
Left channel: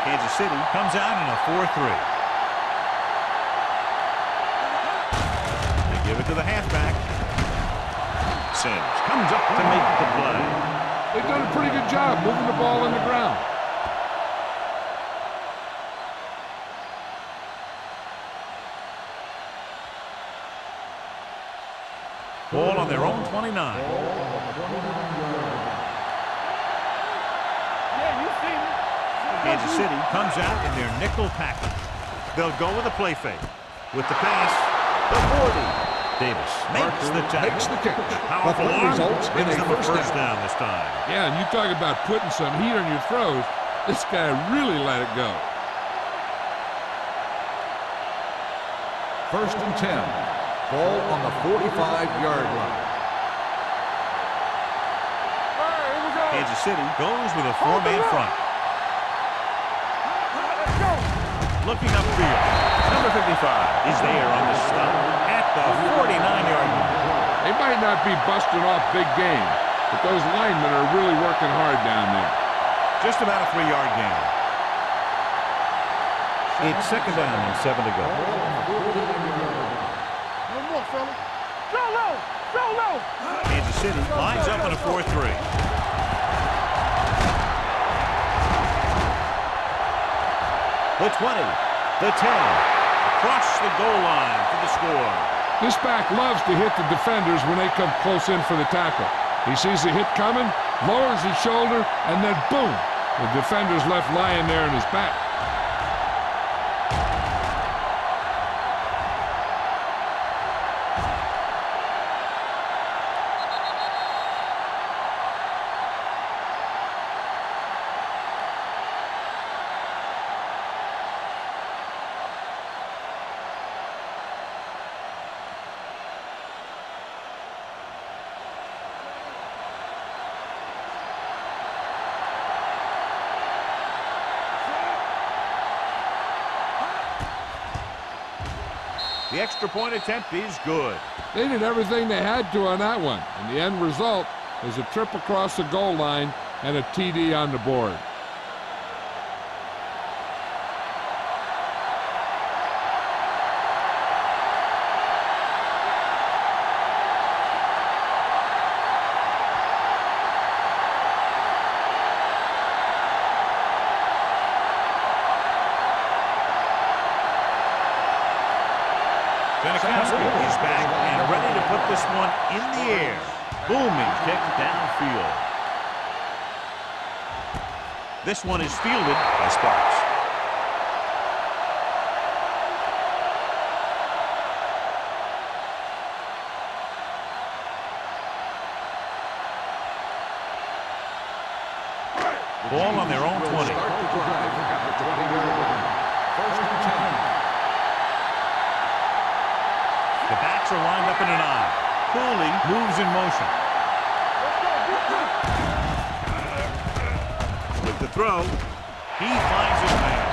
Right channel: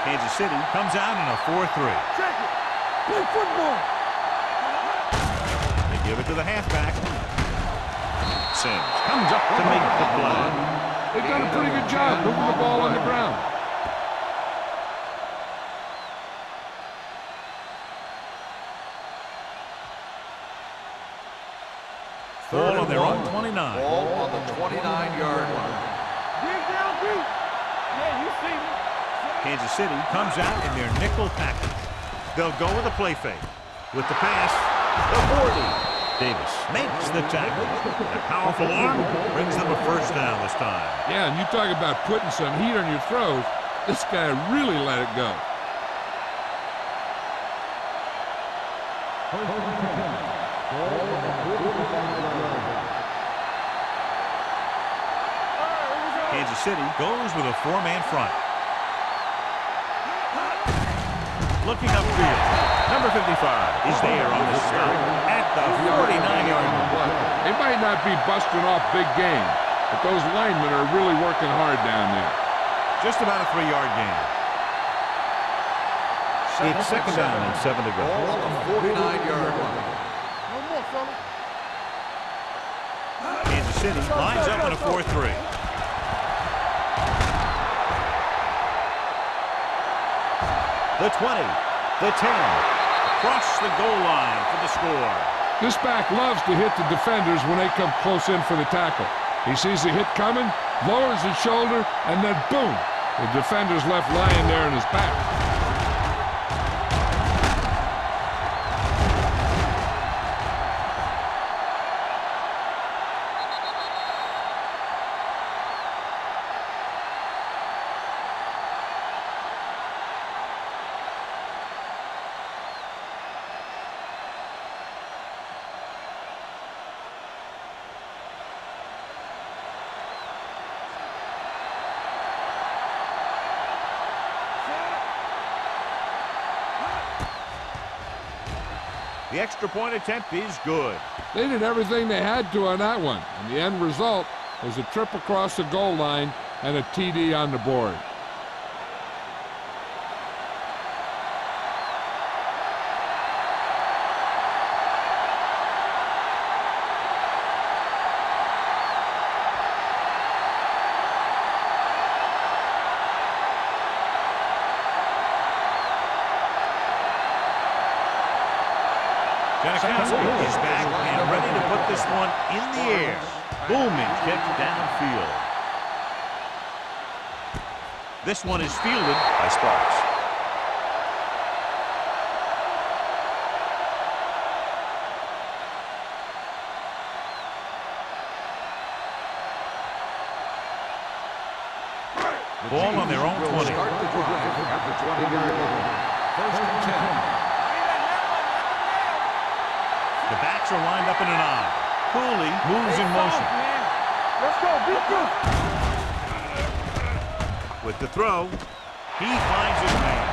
Kansas City comes out in a 4-3. They give it to the halfback. Sims comes up to make the play. They've done a pretty good job moving the ball on the ground. Ball on their own 29. Ball on the 29-yard line. Yeah, you see me. Kansas City comes out in their nickel package. They'll go with a play fake. With the pass, the 40. Davis makes the tackle. The powerful arm brings them a first down this time. Yeah, and you talk about putting some heat on your throws. This guy really let it go. First and 10. Ball on the 45-yard line. Kansas City goes with a four-man front. Looking upfield, number 55 is there on the stop at the 49-yard line. They might not be busting off big game, but those linemen are really working hard down there. Just about a 3-yard gain. It's second down and 7 to go. Ball on the 49-yard line. No more, fellas. Go low. Go low. Kansas City lines up in a 4-3. The 20, the 10, across the goal line for the score. This back loves to hit the defenders when they come close in for the tackle. He sees the hit coming, lowers his shoulder, and then boom, the defender's left lying there in his back. The extra point attempt is good. They did everything they had to on that one, and the end result was a trip across the goal line and a TD on the board. Janikowski is back and ready to put this one in the air. Booming kick downfield. This one is fielded by Sparks. Ball on their own 20. Start the drive at the 20-yard line. First and 10. The backs are lined up in an I. Cooley moves in motion. Let's go. Deep good. With the throw, he finds his man.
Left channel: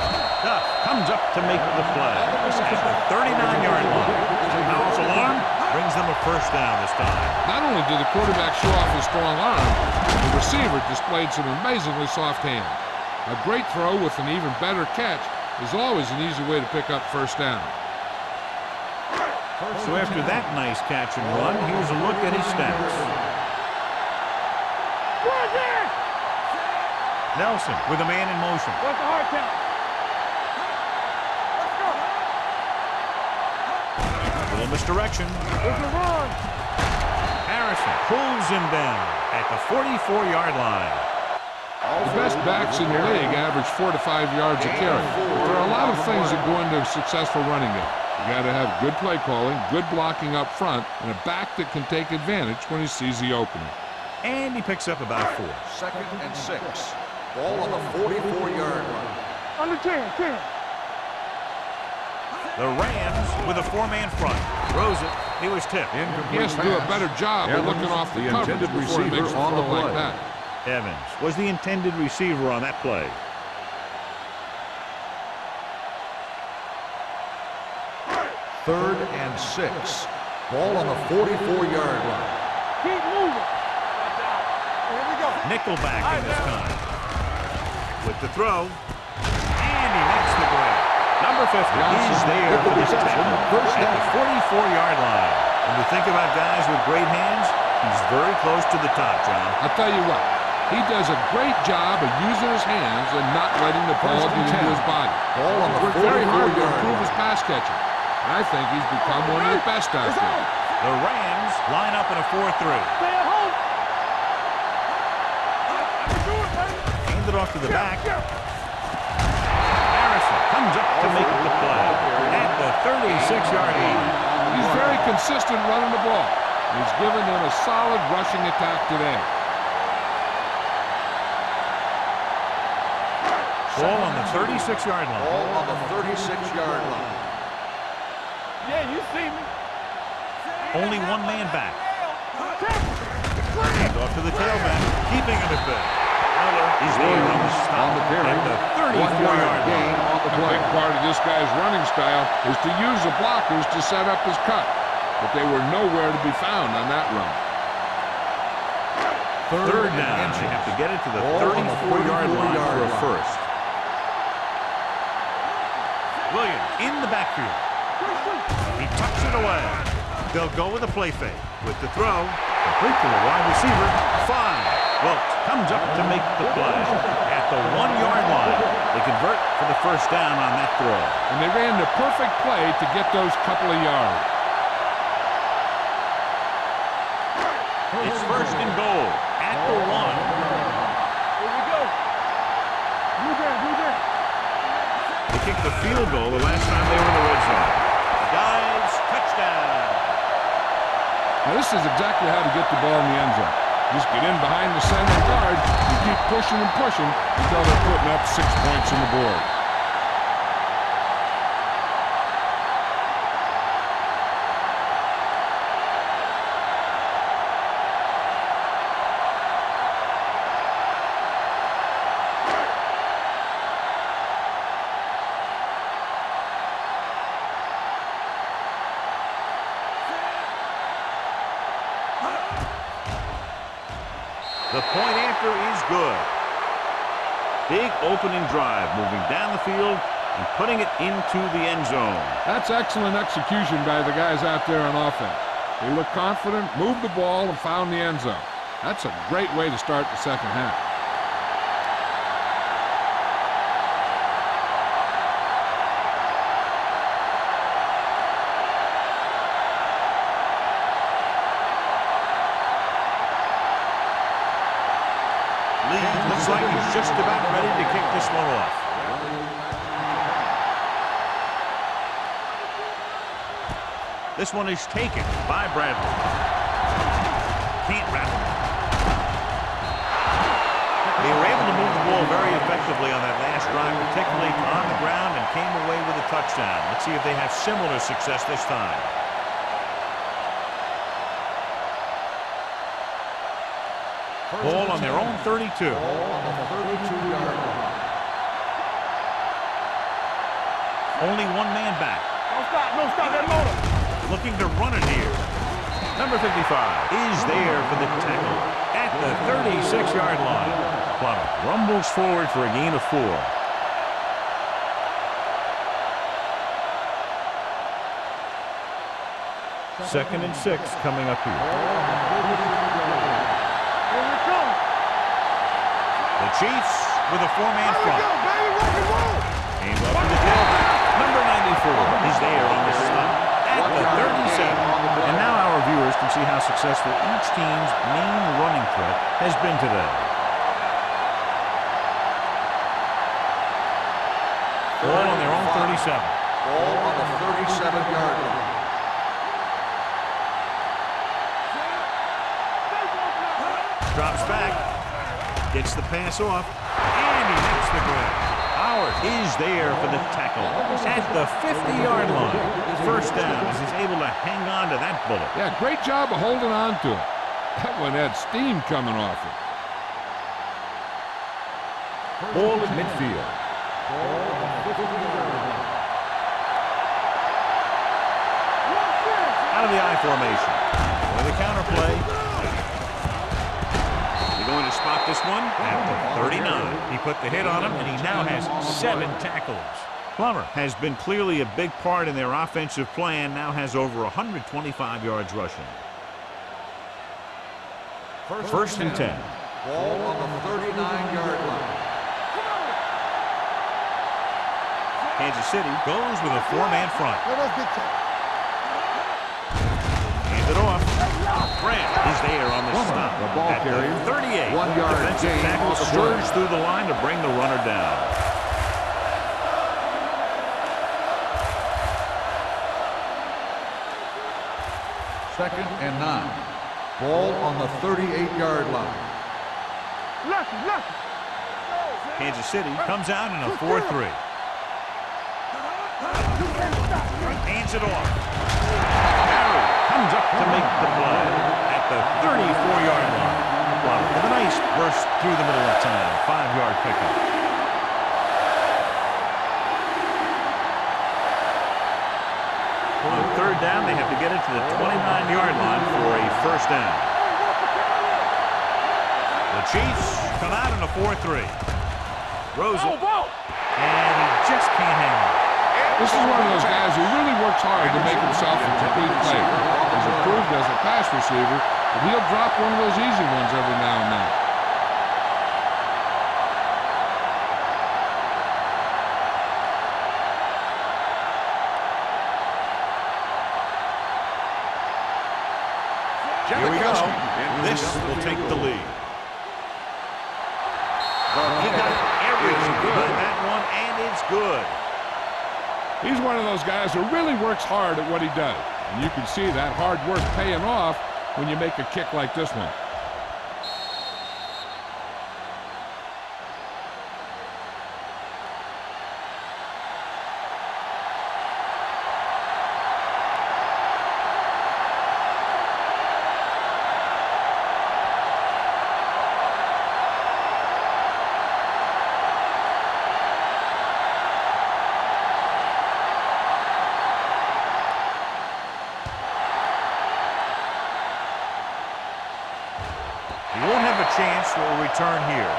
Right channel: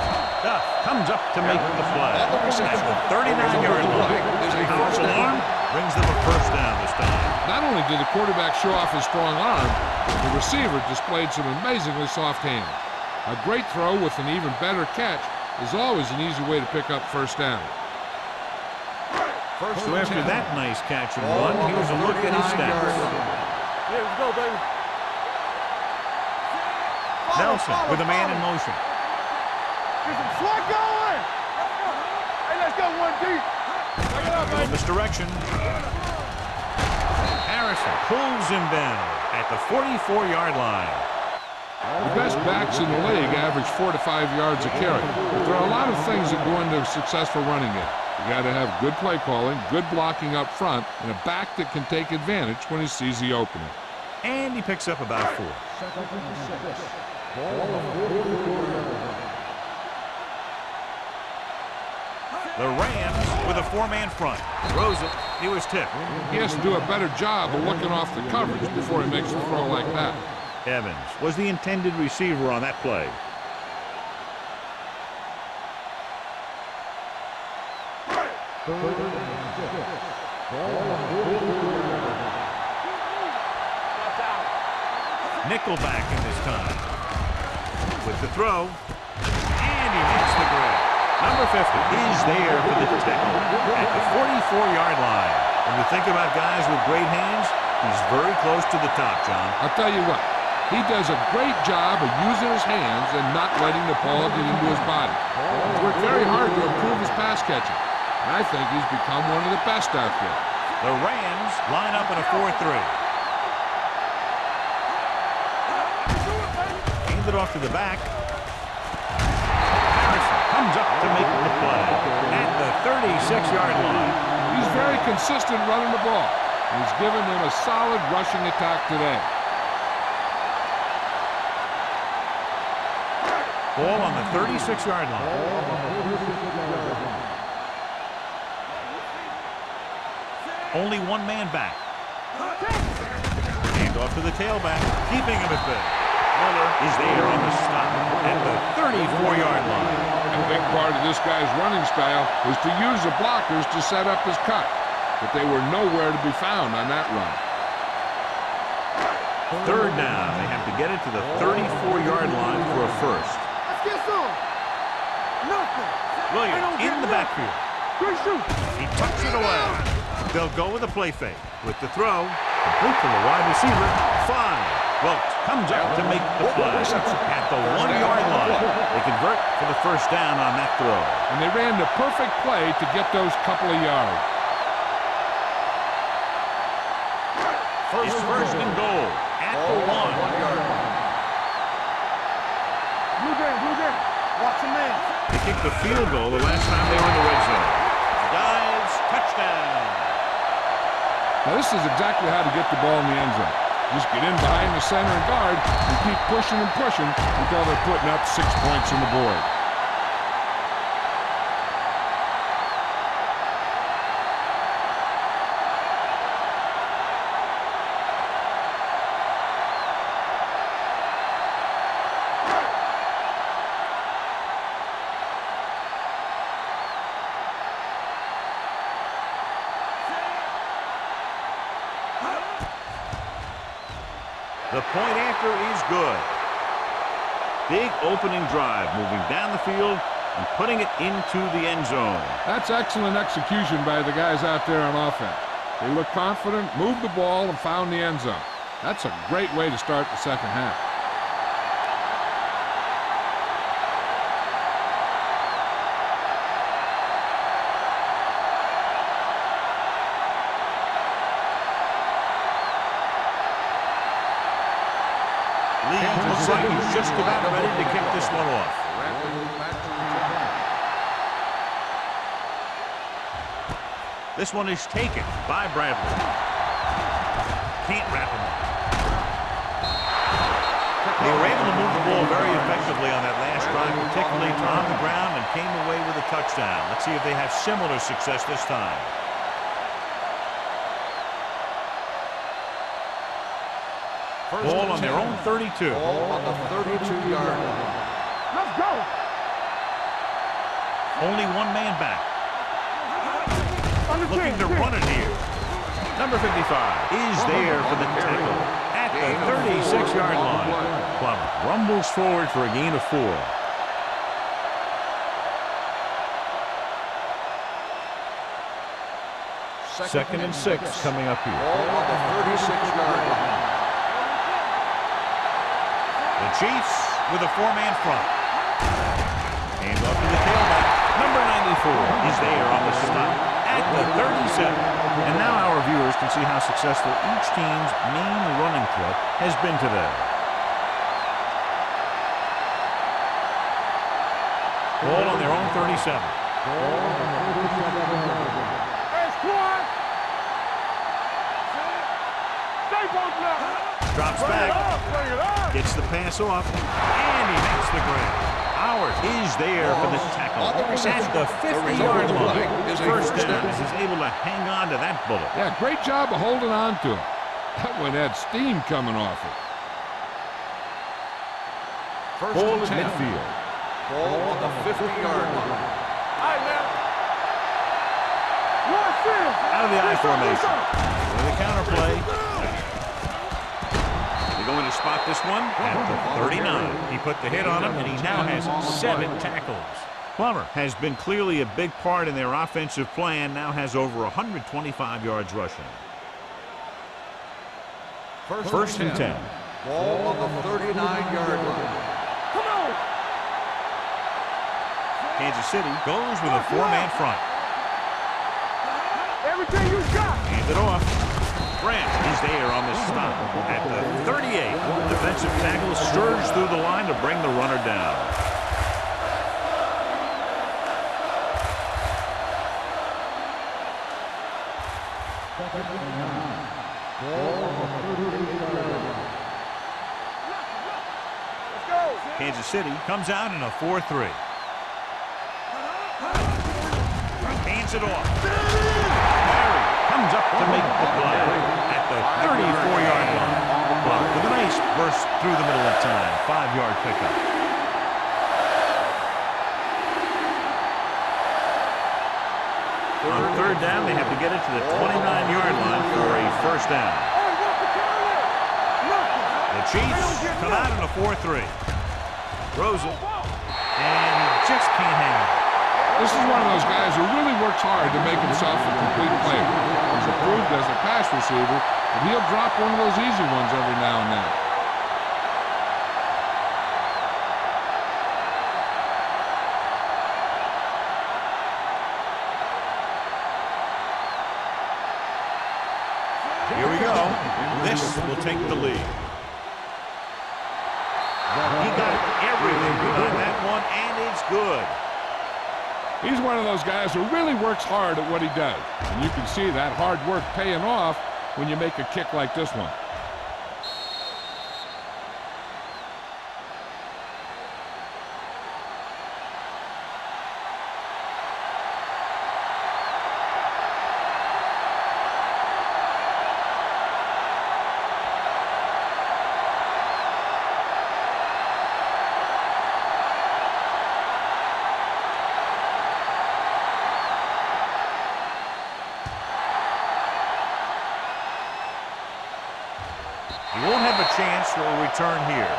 Duff comes up to make the play. At the 39-yard line, a powerful arm brings them a first down this time. Not only did the quarterback show off his strong arm, the receiver displayed some amazingly soft hands. A great throw with an even better catch is always an easy way to pick up first down. So after that nice catch and run, here's a look at his stats. Nelson with a man in motion. A little misdirection. Harrison pulls him down at the 44-yard line. The best backs in the league average 4 to 5 yards a carry. But there are a lot of things that go into a successful running game. You got to have good play calling, good blocking up front, and a back that can take advantage when he sees the opening. And he picks up about 4. Second and 6. Ball on the 44-yard line. Under 10. The Rams with a 4-man front. Throws it. He was tipped. He has to do a better job of looking off the coverage before he makes a throw like that. Evans was the intended receiver on that play. Third and 6. Ball on the 44-yard line. Keep moving. Watch out. Nickelback in this time. With the throw. And he makes the grab. Number 50 is there for this tackle at the 44-yard line. When you think about guys with great hands, he's very close to the top, John. I'll tell you what, He does a great job of using his hands and not letting the ball get into his body. He's worked very hard to improve his pass catching, and I think he's become one of the best out there. The Rams line up in a 4-3. Hand it off to the back. Harrison comes up to make the play at the 36-yard line. He's very consistent running the ball. He's given them a solid rushing attack today. Ball on the 36-yard line. Ball on the 36-yard line. Only one man back. Hand off to the tailback, keeping him at bay. Miller is there on the stop at the 34-yard line. A big part of this guy's running style is to use the blockers to set up his cut, but they were nowhere to be found on that run. Third down. They have to get it to the 34-yard line for a first. Williams in the backfield. He tucks it away. They'll go with a play fake. With the throw, complete to the wide receiver. 5. Wilkes comes up to make the play at the 1-yard line. They convert for the first down on that throw. And they ran the perfect play to get those couple of yards. It's first and goal at the 1. They kicked the field goal the last time they were in the red zone. Dives, touchdown. Now this is exactly how to get the ball in the end zone. Just get in behind the center and guard and keep pushing and pushing until they're putting up 6 points on the board. The point after is good. Big opening drive, moving down the field and putting it into the end zone. That's excellent execution by the guys out there on offense. They looked confident, moved the ball, and found the end zone. That's a great way to start the second half. Lee looks like he's just about ready to kick this one off. This one is taken by Bradley. Can't rattle him. They were able to move the ball very effectively on that last drive, particularly on the ground, and came away with a touchdown. Let's see if they have similar success this time. Ball on their own 32. Ball on the 32-yard line. Let's go. Only one man back. No stop. Looking to run it here. Number 55 is there for the tackle at the 36-yard line. Plummer rumbles forward for a gain of 4. Second and 6 coming up here. Ball on the 46-yard line. The Chiefs with a 4-man front. Hands off to the tailback. Number 94 is there on the stop at the 37. And now our viewers can see how successful each team's main running threat has been today. Ball on their own 37. Ball on the 37-yard line. Drops back, gets the pass off, and he makes the grab. Howard is there for the tackle at the 50-yard line. First down as he's able to hang on to that bullet. Yeah, great job of holding on to it. That one had steam coming off it. Ball at midfield. Ball on the 50-yard line. Out of the I formation. With a counter play. They're going to spot this one at the 39. He put the hit on him, and he now has 7 tackles. Plummer has been clearly a big part in their offensive plan, now has over 125 yards rushing. First and 10. Ball on the 39-yard line. Come on. Kansas City goes with a four-man front. Everything you got. Hand it off. Grant is there on the stop at the 38. Defensive tackle surged through the line to bring the runner down. Second and 9. Ball on the 38-yard line. Let's go. Kansas City comes out in a 4-3. Hands it off. Barry comes up to make the play at the 34-yard line. But with a nice burst through the middle of time. 5-yard pickup. On third down, they have to get it to the 29-yard line for a first down. The Chiefs come out in a 4-3. Throws it, and he just can't hang on. This is one of those guys who really works hard to make himself a complete player. He's improved as a pass receiver, but he'll drop one of those easy ones every now and then. Here we go. This will take the lead. He got everything behind that one, and it's good. He's one of those guys who really works hard at what he does. And you can see that hard work paying off when you make a kick like this one. He won't have a chance for a return here.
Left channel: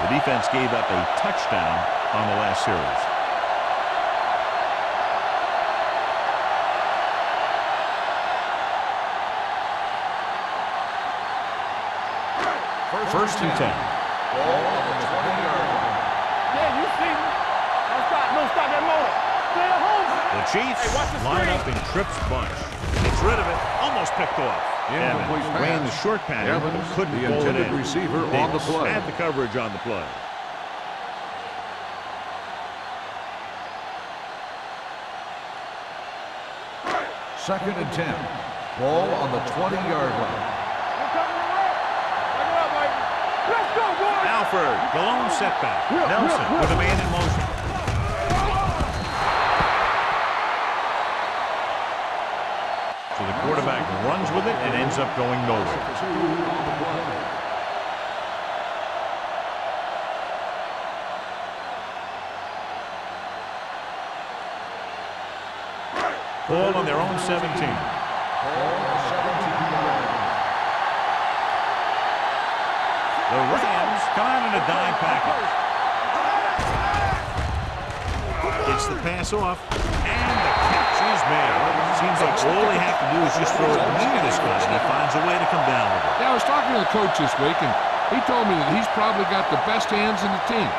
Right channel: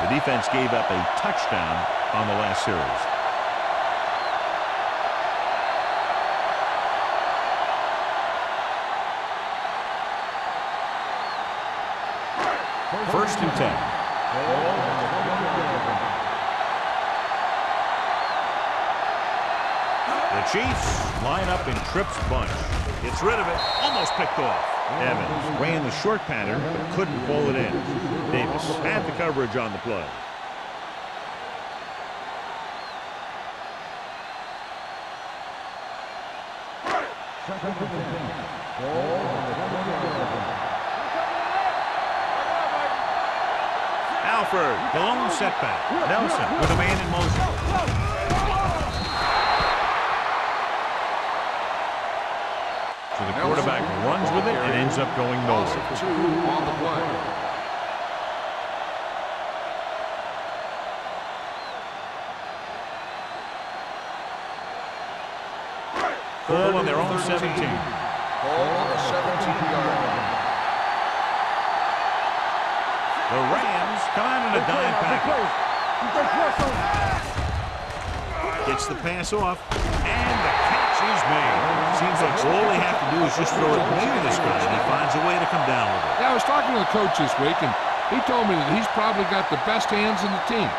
The defense gave up a touchdown on the last series. First and 10. Ball on the 20-yard line. Yeah, you see me. Stop that motor. The Chiefs line up in Tripp's bunch. Gets rid of it. Almost picked off. Evans ran the short pattern but couldn't pull it in. Davis had the coverage on the play. Second and 10. Ball on the 20-yard line. Alford, the lone setback. Nelson with a man in motion. So the quarterback runs with it and ends up going nowhere. 2 on the play. Ball on their own 17. Ball on the 17-yard line. The Rams come out in a dime package. Gets the pass off, and the catch is made. Seems like all they have to do is just throw it near this guy, and he finds a way to come down with it. Yeah, I was talking to the coach this week, and he told me that he's probably got the best hands in the team.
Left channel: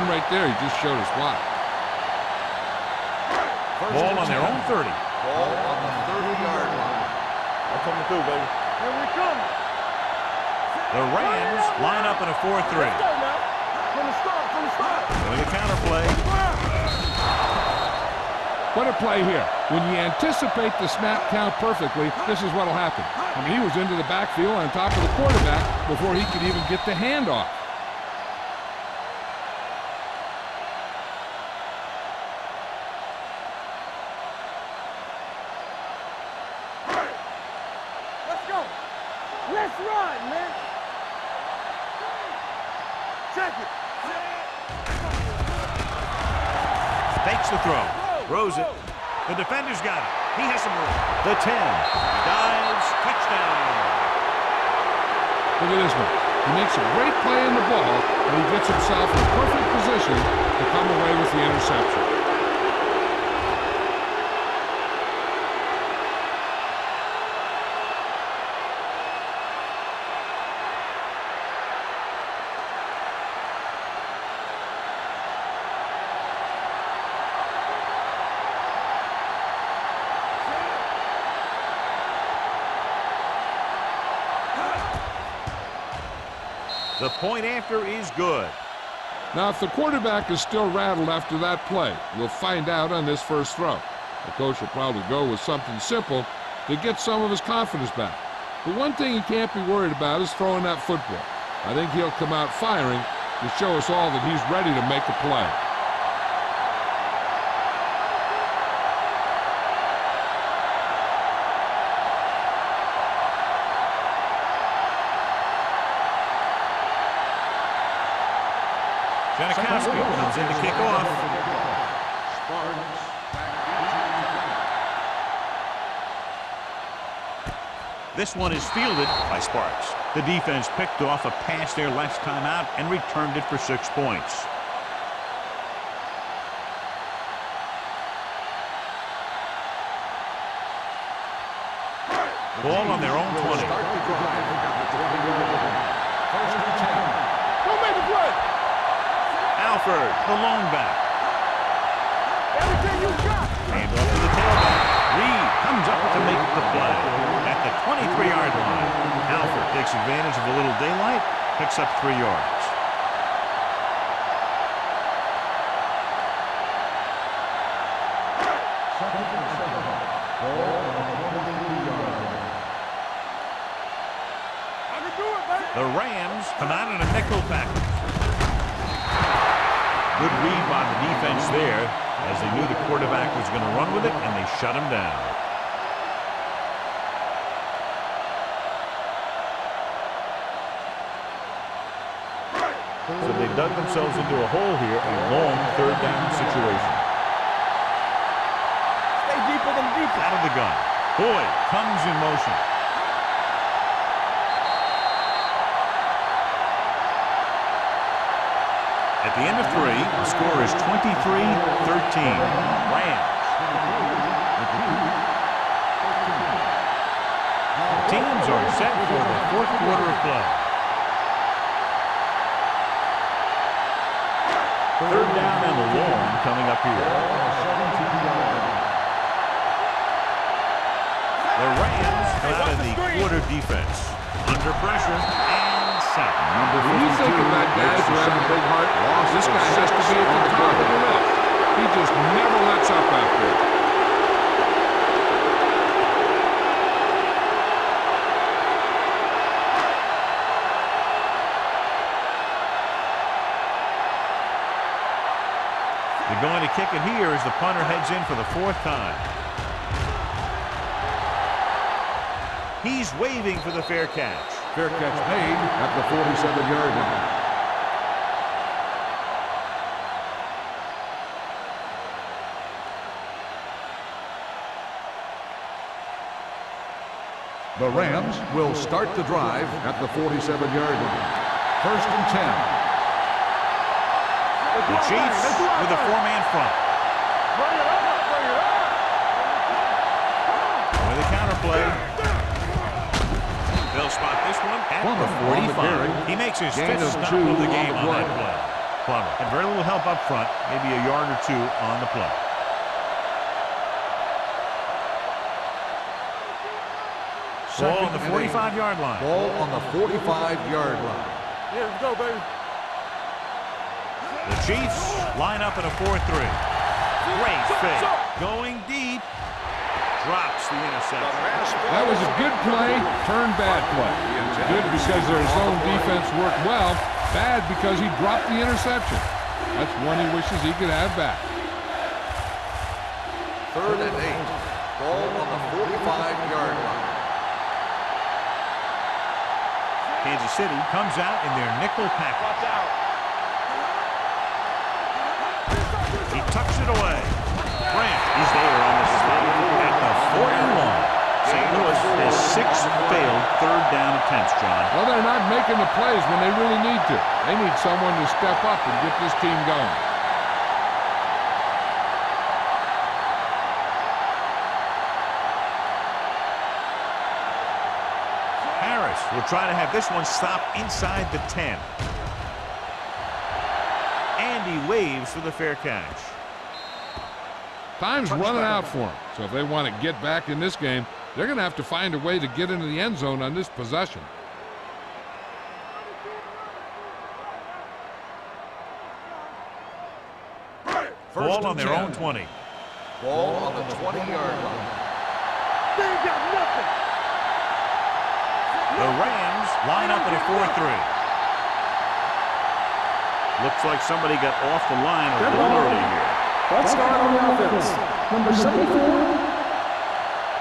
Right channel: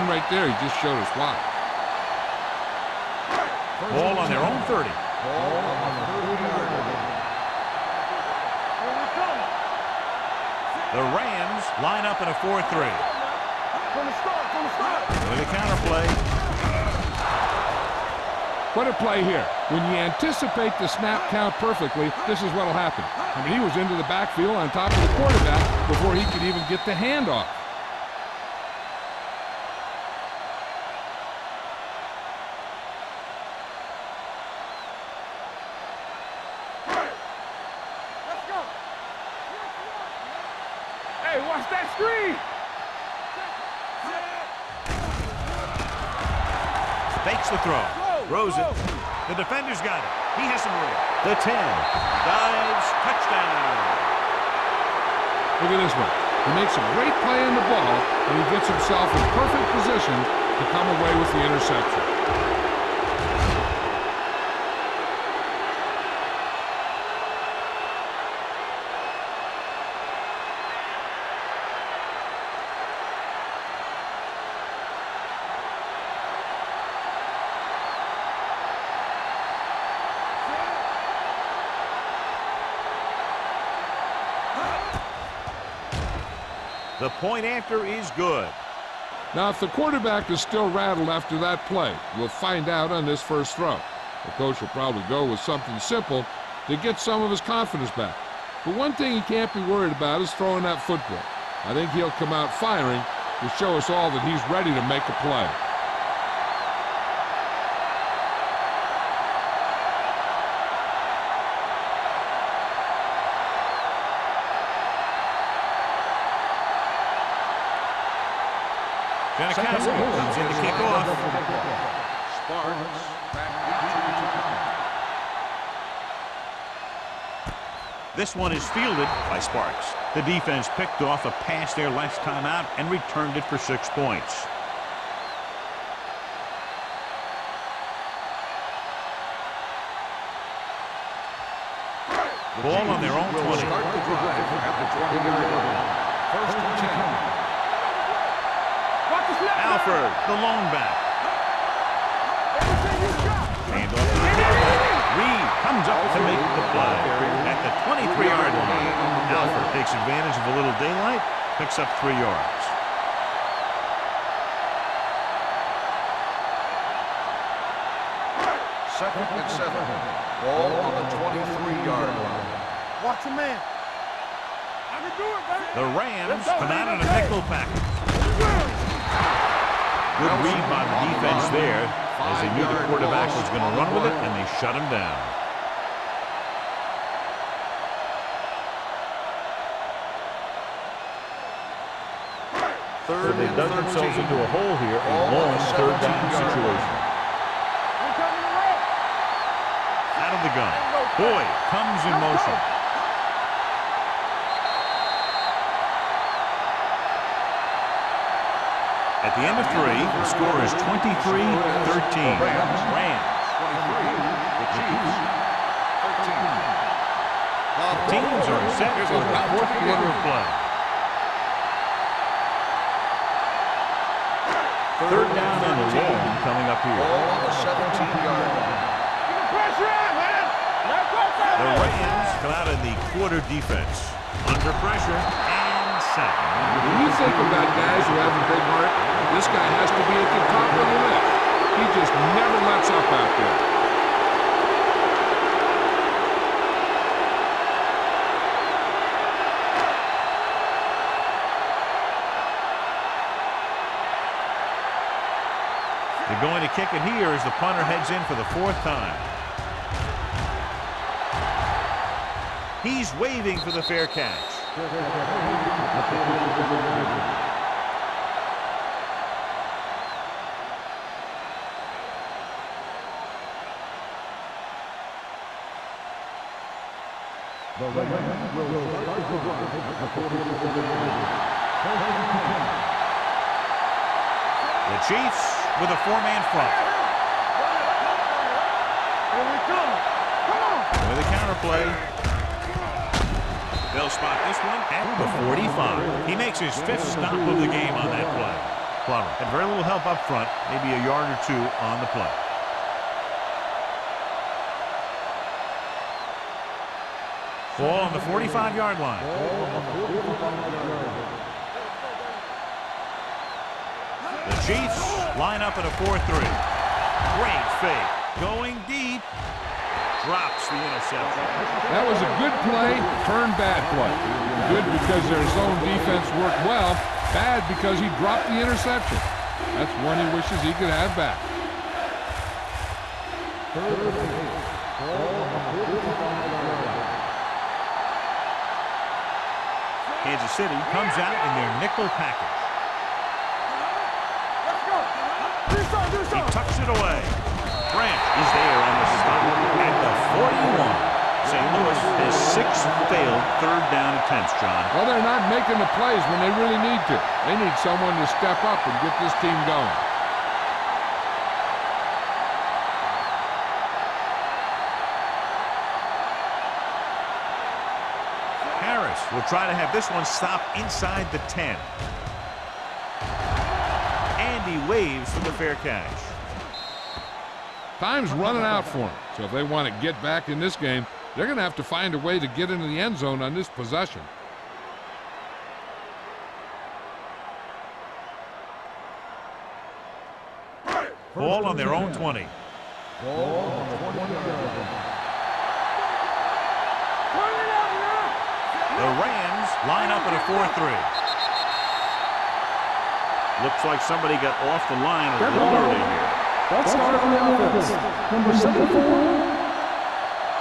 And right there, he just showed us why. Ball on their own 30. Ball on the 30-yard line. I'm coming through, baby. Here we come. The Rams line up in a 4-3. From the start. With a counter play. What a play here. When you anticipate the snap count perfectly, this is what will happen. I mean, he was into the backfield on top of the quarterback before he could even get the handoff. Let's go. Let's run, man. Hey, watch that screen. Check it. Fakes the throw. Throws it. The defender's got it. He has some room. The 10. Dives. Touchdown. Look at this one. He makes a great play in the ball, and he gets himself in perfect position to come away with the interception. The point after is good. Now, if the quarterback is still rattled after that play, we'll find out on this first throw. The coach will probably go with something simple to get some of his confidence back. But one thing he can't be worried about is throwing that football. I think he'll come out firing to show us all that he's ready to make a play. Janikowski comes in to kick off. Sparks back into return. This one is fielded by Sparks. The defense picked off a pass there last time out and returned it for 6 points. Ball on their own 20. Will start the drive at the 20-yard line. First and 10. Alford, the lone back. Everything you got. Hand off to the tailback. Reed comes up to make the play at the 23-yard line. Alford takes advantage of a little daylight, picks up 3 yards. Second and 7. Ball on the 23-yard line. Watch your man. I can do it, baby. The Rams come out in a nickel package. Good read by the defense there, as they knew the quarterback was going to run with it, and they shut him down. So they dug themselves into a hole here, a long third down situation. Stay deeper than deep. Out of the gun. Boyd comes in motion. At the end of 3, the score is 23-13. Rams. Teams are set for the 4th quarter of play. Third down and long coming up here. The Rams come out in the quarter defense. Under pressure and sack. When you think about guys who have a big heart, this guy has to be at the top of the list. He just never lets up out there. They're going to kick it here as the punter heads in for the 4th time. He's waving for the fair catch. Fair catch made at the 47-yard line. The Rams will start the drive at the 47-yard line. First and 10. The Chiefs with a 4-man front. Bring it up. Bring it up. Here we come. Come on. With a counterplay. They'll spot this one at the 45. He makes his 5th stop of the game on that play. Plummer had very little help up front, maybe a yard or 2 on the play. Ball on the 45-yard line. Ball on the 45-yard line. Yeah, let's go, baby. The Chiefs line up in a 4-3. Great fake. Going deep. Drops the interception. That was a good play, turned bad play. Good because their zone defense worked well. Bad because he dropped the interception. That's one he wishes he could have back. Third and 8. Ball on the 45-yard line. Kansas City comes out in their nickel package. He tucks it away. Grant is there on the spot at the 41. St. Louis has 6 failed third down attempts, John. Well, they're not making the plays when they really need to. They need someone to step up and get this team going. Harris will try to have this one stop inside the 10. And he waves for the fair catch. Time's running out for them, so if they want to get back in this game, they're going to have to find a way to get into the end zone on this possession. Ball on their own 20. Ball on the 20-yard line. They ain't got nothing. Turn it up now. The Rams line up at a 4-3. Looks like somebody got off the line a Dead little ball. early here. False start on the offense. Number 74.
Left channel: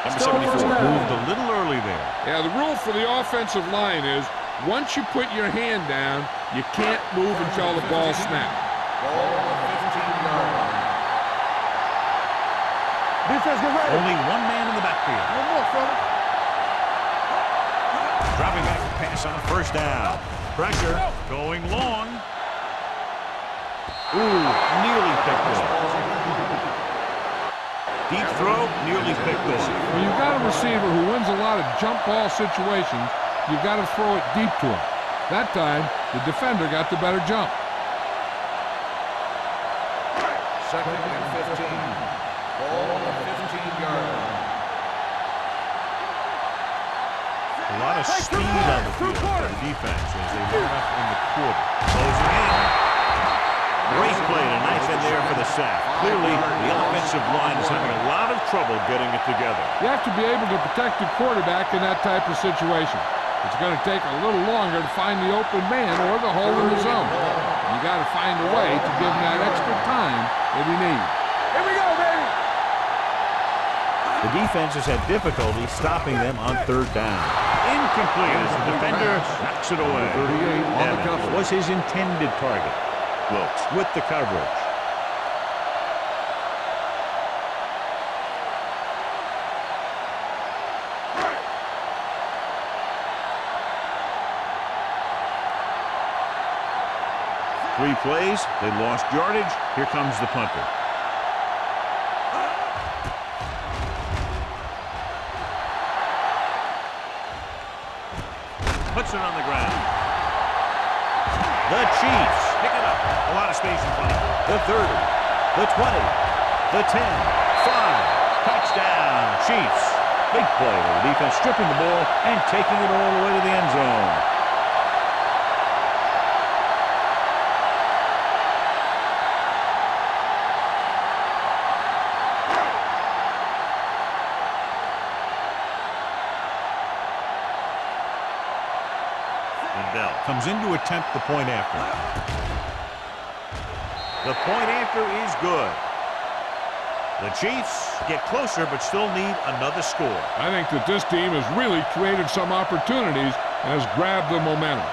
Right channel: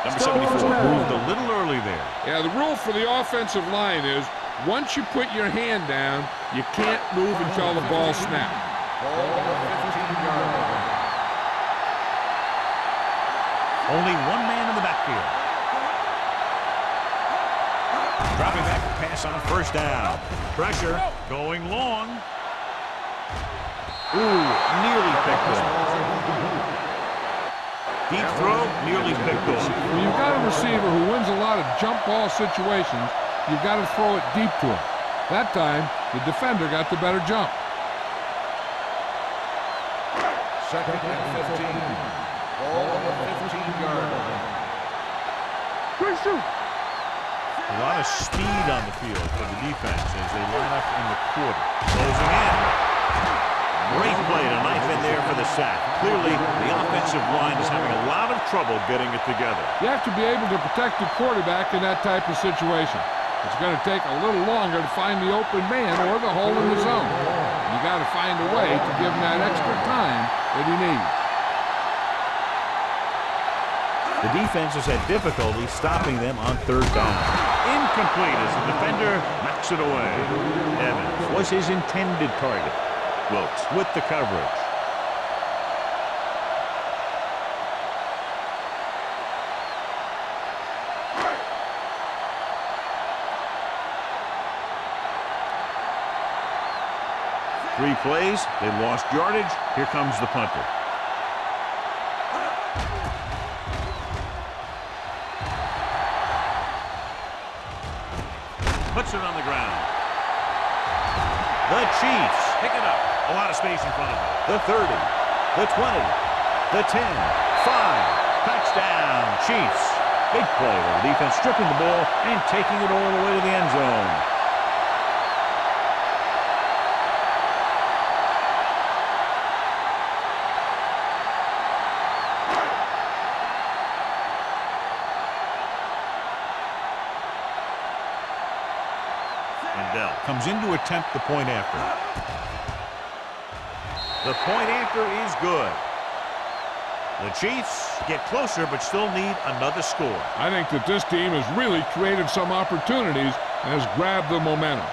Number Still 74 first down. moved a little early there. Yeah, the rule for the offensive line is once you put your hand down, you can't move until the ball snaps. Ball on the 15-yard line. Defense, get ready. Only one man in the backfield. One more, fella. Dropping back to pass on first down. Pressure going long. Ooh, nearly picked off. Ball's incomplete. Deep throw, nearly picked off. When you've got a receiver who wins a lot of jump ball situations, you've got to throw it deep to him. That time, the defender got the better jump. 2nd and 15. Ball on the 15-yard line. Quick shoot. A lot of speed on the field for the defense as they line up in the quarter. Closing in. Great play to knife in there for the sack. Clearly, the offensive line is having a lot of trouble getting it together. You have to be able to protect the quarterback in that type of situation. It's going to take a little longer to find the open man or the hole in the zone. And you got to find a way to give him that extra time that he needs. Here we go, baby. The defense has had difficulty stopping them on third down. Incomplete as the defender knocks it away. Evans was his intended target. Wilkes with the coverage. Three plays, they lost yardage. Here comes the punter. Puts it on the ground. The Chiefs pick it up. A lot of space in front of them. The 30, the 20, the 10, 5. Touchdown, Chiefs. Big play with the defense stripping the ball and taking it all the way to the end zone. And Bell comes in to attempt the point after. The point after is good. The Chiefs get closer but still need another score. I think that this team has really created some opportunities and has grabbed the momentum.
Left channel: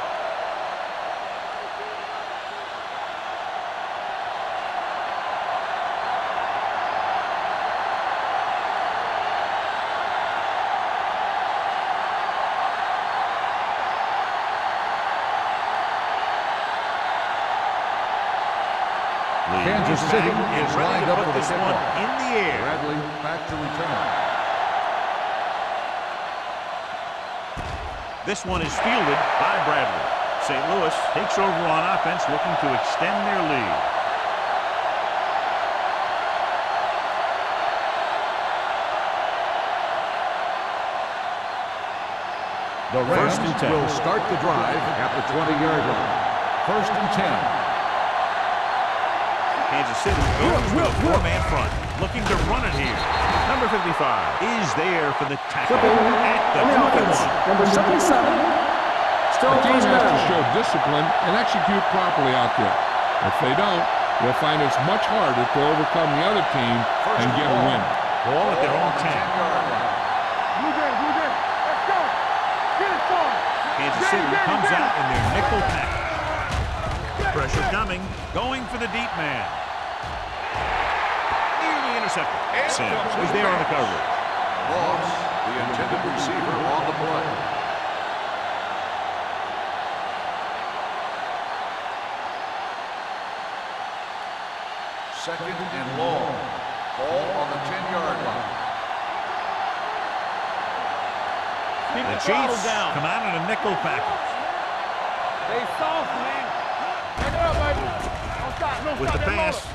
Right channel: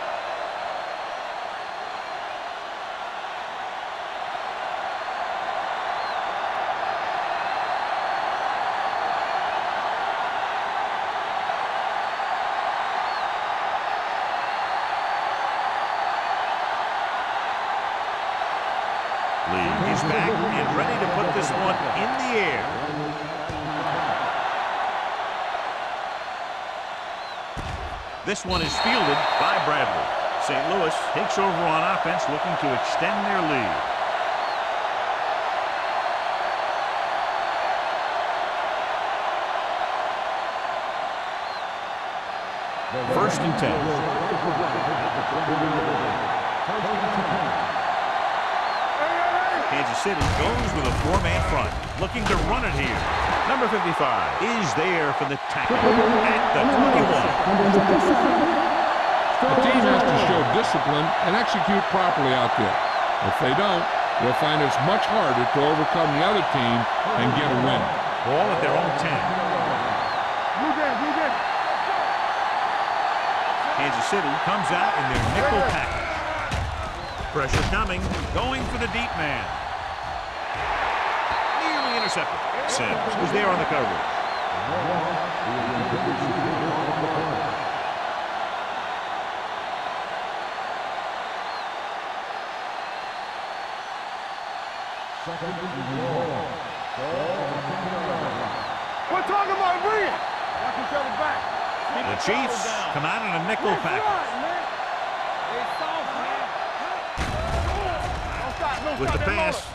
Lee is back and ready to put this one in the air. This one is fielded by Bradley. St. Louis takes over on offense, looking to extend their lead. The First and 10. will start the drive at the 20-yard line. 1st and 10. Kansas City goes with a four-man front, looking to run it here. Number 55 is there for the tackle at the 21. Number 77. Still The team first has down. to show discipline and execute properly out there. If they don't, you'll find it's much harder to overcome the other team and get a win. Ball at their own 10. Blue game, blue game. Let's go. Get it started. Kansas City comes out in their nickel package. Pressure coming, going for the deep man. Nearly intercepted. Sims was there on the coverage. Loss, the intended receiver on the play. Second and long. Ball on the 10-yard line. We're talking about real. The Chiefs come out in a nickel package. They soft, man. Don't stop, don't With stop the that pass,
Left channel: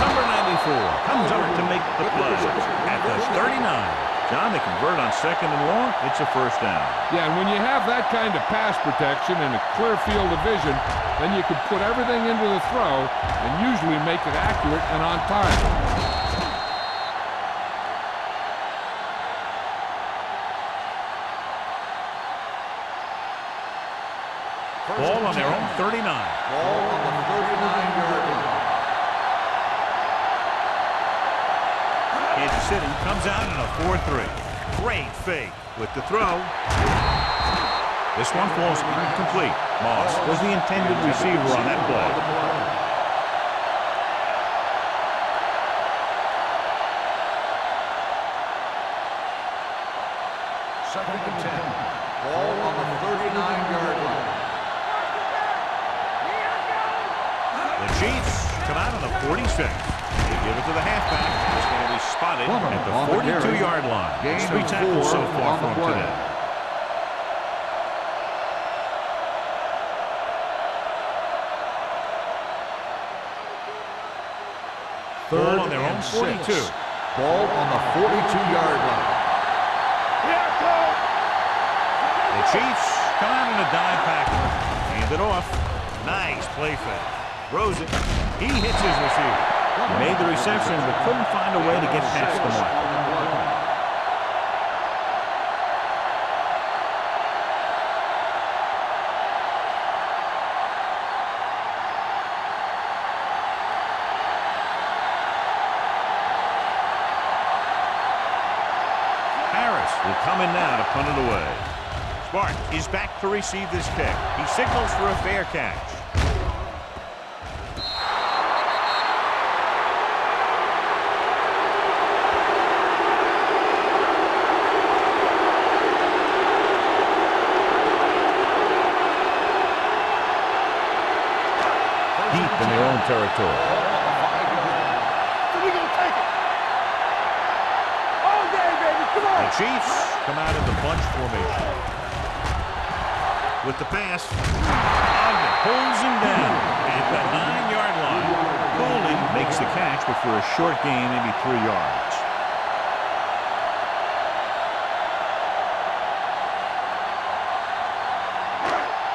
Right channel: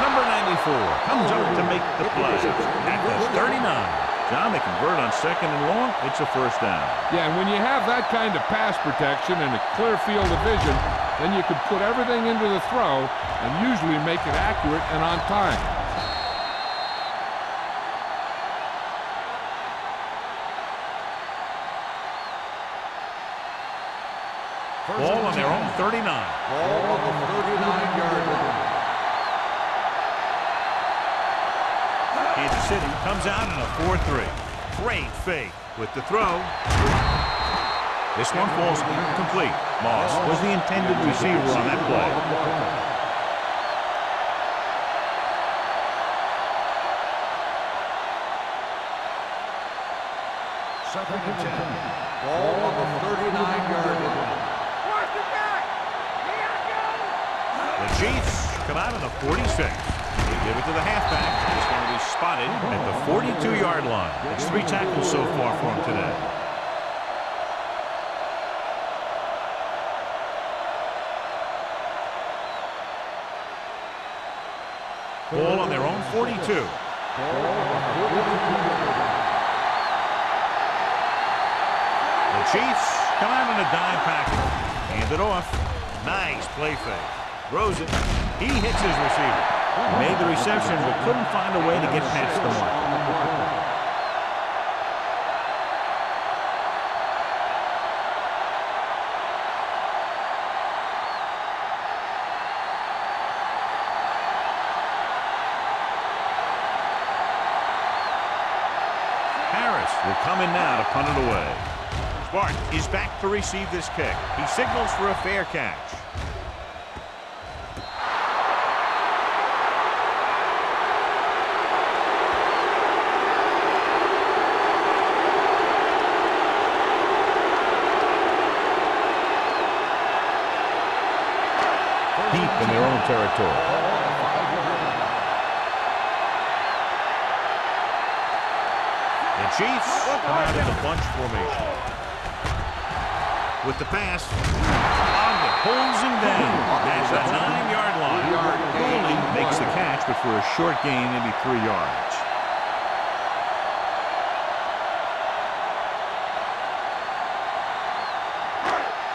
number 94 comes up to make the play at the 39. John, they convert on second and long. It's a first down. Yeah, and when you have that kind of pass protection and a clear field of vision, Then you could put everything into the throw and usually make it accurate and on time. Ball on their own 39. Ball on the 39-yard line. Kansas City comes out in a 4-3. Great fake with the throw. This one falls incomplete. Moss was the intended receiver on that play. Second and 10. Ball on the 39-yard line. The Chiefs come out in a 46. They give it to the halfback. This one will be spotted at the 42-yard line. It's 3 tackles so far for him today. Ball on their own 42. Ball on the 42-yard line. The Chiefs come out in a dime package. Hand it off. Nice play fake. Throws it. He hits his receiver. He made the reception but couldn't find a way to get past the mark. Harris will come in now to punt it away. Smart is back to receive this kick. He signals for a fair catch. Deep in their own territory. The Chiefs come out in the bunch formation. With the pass, Ogden pulls him down at the 9-yard line. Cooley makes the catch, but for a short gain, maybe 3 yards.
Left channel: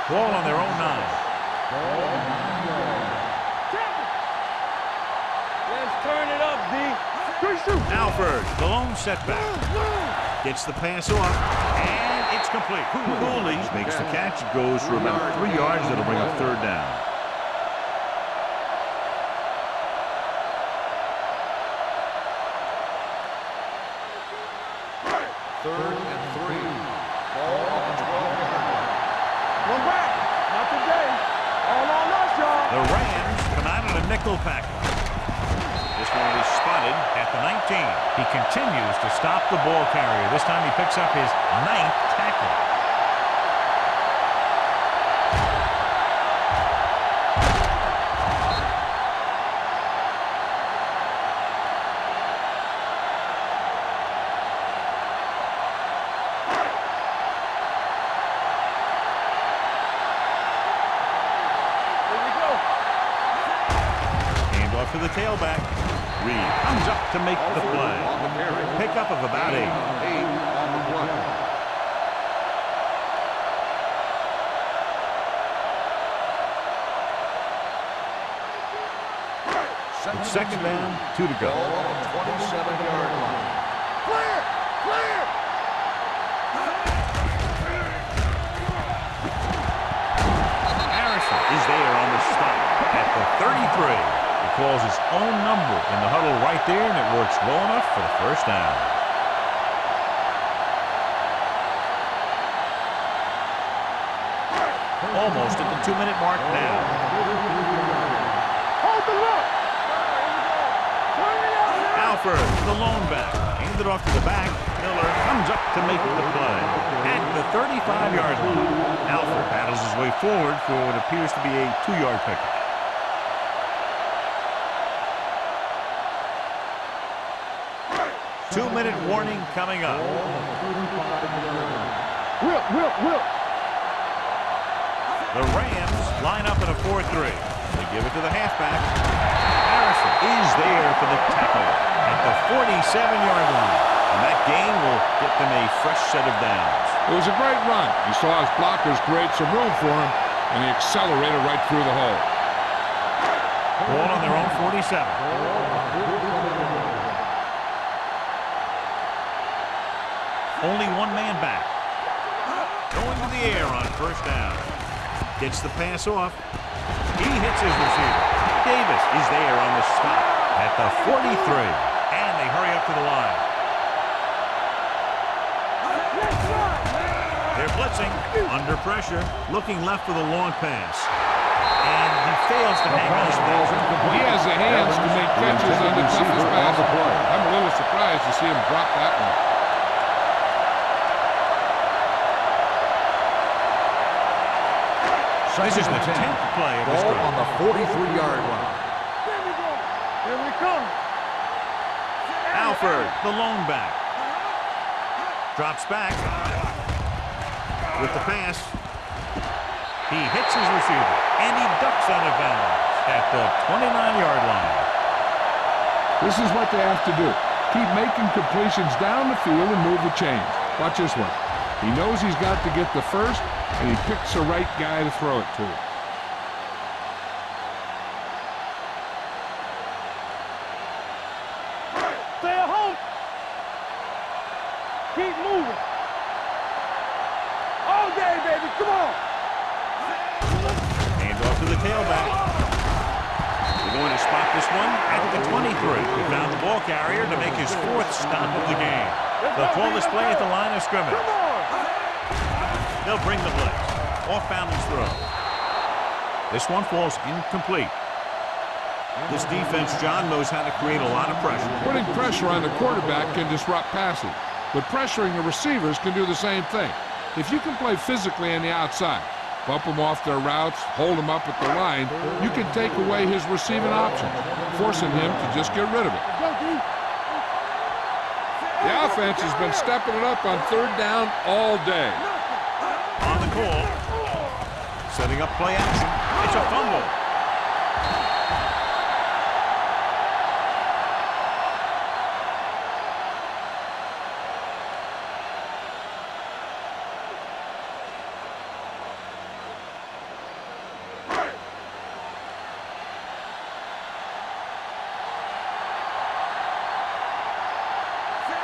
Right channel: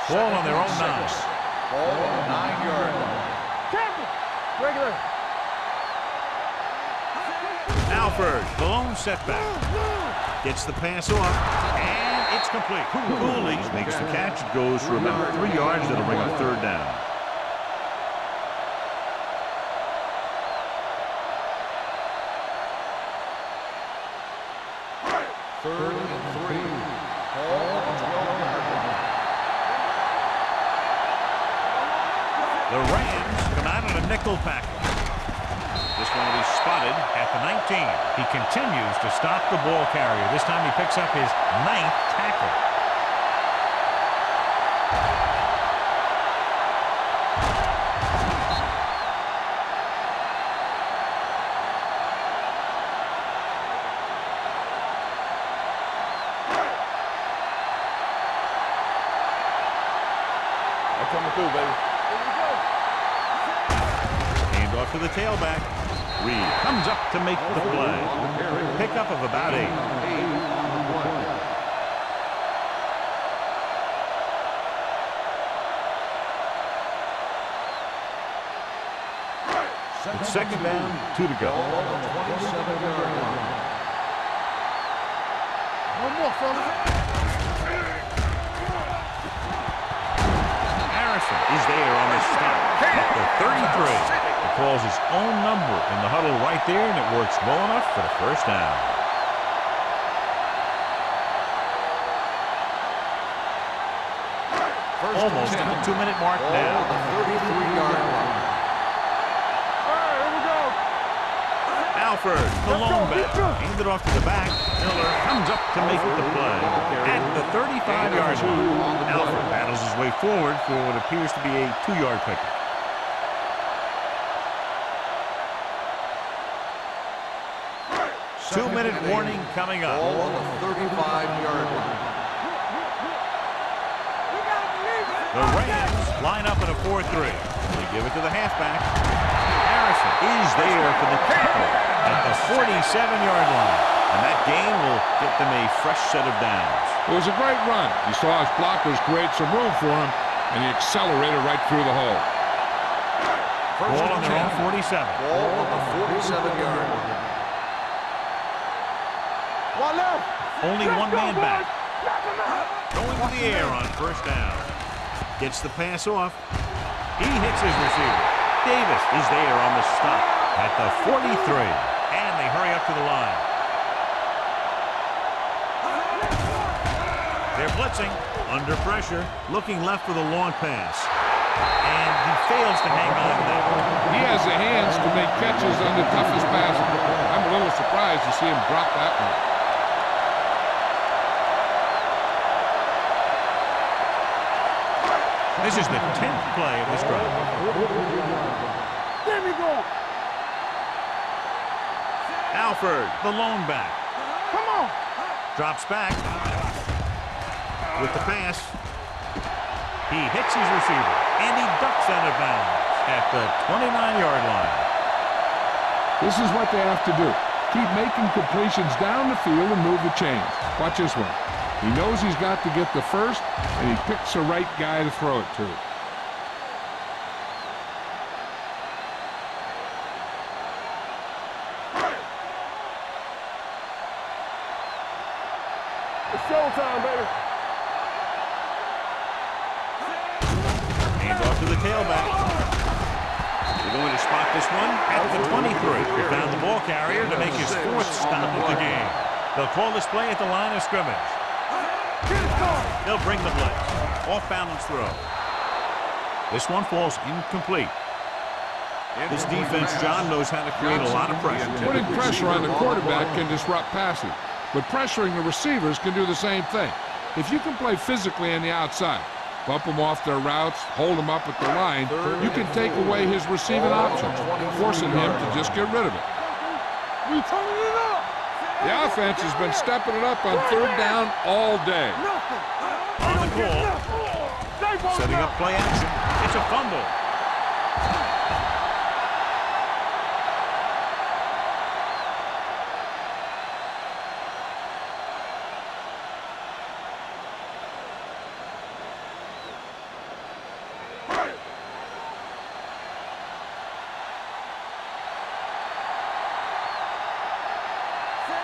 Ball on their own 9. Ball on the 9-yard line. Campbell! Regular. Let's turn it up, D. Alford, the lone setback. Gets the pass off, and it's complete. Cooley makes the catch. It goes for about 3 yards. That'll bring up 3rd down. Third and 3. Ball on the 12-yard line. Not today. All on us, y'all. The Rams come out in a nickel package. This one will be spotted at the 19. He continues to stop the ball carrier. This time he picks up his 9th tackle. That's coming through, baby. Here we go. Hand off to the tailback. Reed comes up to make the play. On the carry. Pickup of about 8. 8 on the play. It's 2nd down, 2 to go. Ball on the 27-yard line. Clear! Clear! No more, fellas. Harrison is there on the stop at the 33. He calls his own number in the huddle right there, and it works well enough for the 1st down. Almost at the 2-minute mark now. Hold the look. All right, here we go. Alford, the lone back, handed off to the back. Miller comes up to make the play at the 35-yard line. Alford battles his way forward for what appears to be a 2-yard pickup. Two-minute warning coming up. The Rams line up in a 4-3. They give it to the halfback. Harrison is there for the tackle at the 47-yard line. And that gain will get them a fresh set of downs. It was a great run. He saw his blockers create some room for him, And he accelerated right through the hole. Ball on their own 47. Ball on the 47-yard line. Only one man back. Going to the air on first down. Gets the pass off. He hits his receiver. Davis is there on the stop at the 43. And they hurry up to the line. They're blitzing. Under pressure. Looking left for the long pass. And he fails to hang on to that. He has the hands to make catches on the toughest passes. I'm a little surprised to see him drop that one. This is the 10th play of this Ball drive. on the 43-yard line. There we go. Here we come. Alford, the lone back. Come on. Drops back. With the pass. He hits his receiver. And he ducks out of bounds at the 29-yard line. This is what they have to do. Keep making completions down the field and move the chains. Watch this one. He knows he's got to get the first, and he picks the right guy to throw it to. Stay at home. Keep moving. It's showtime, baby. All day, baby. Come on. Hand off to the tailback. They're going to spot this one at the 23. He found the ball carrier to make his 4th stop of the game. They'll call this play at the line of scrimmage. They'll bring the blitz. Off balance throw. This one falls incomplete. This defense, John, knows how to create a lot of pressure. Putting pressure on the quarterback can disrupt passes, but pressuring the receivers can do the same thing. If you can play physically on the outside, bump them off their routes, hold them up at the line, you can take away his receiving options, forcing him to just get rid of it. The offense has been stepping it up on 3rd down all day. On the call. Setting up play action. It's a fumble.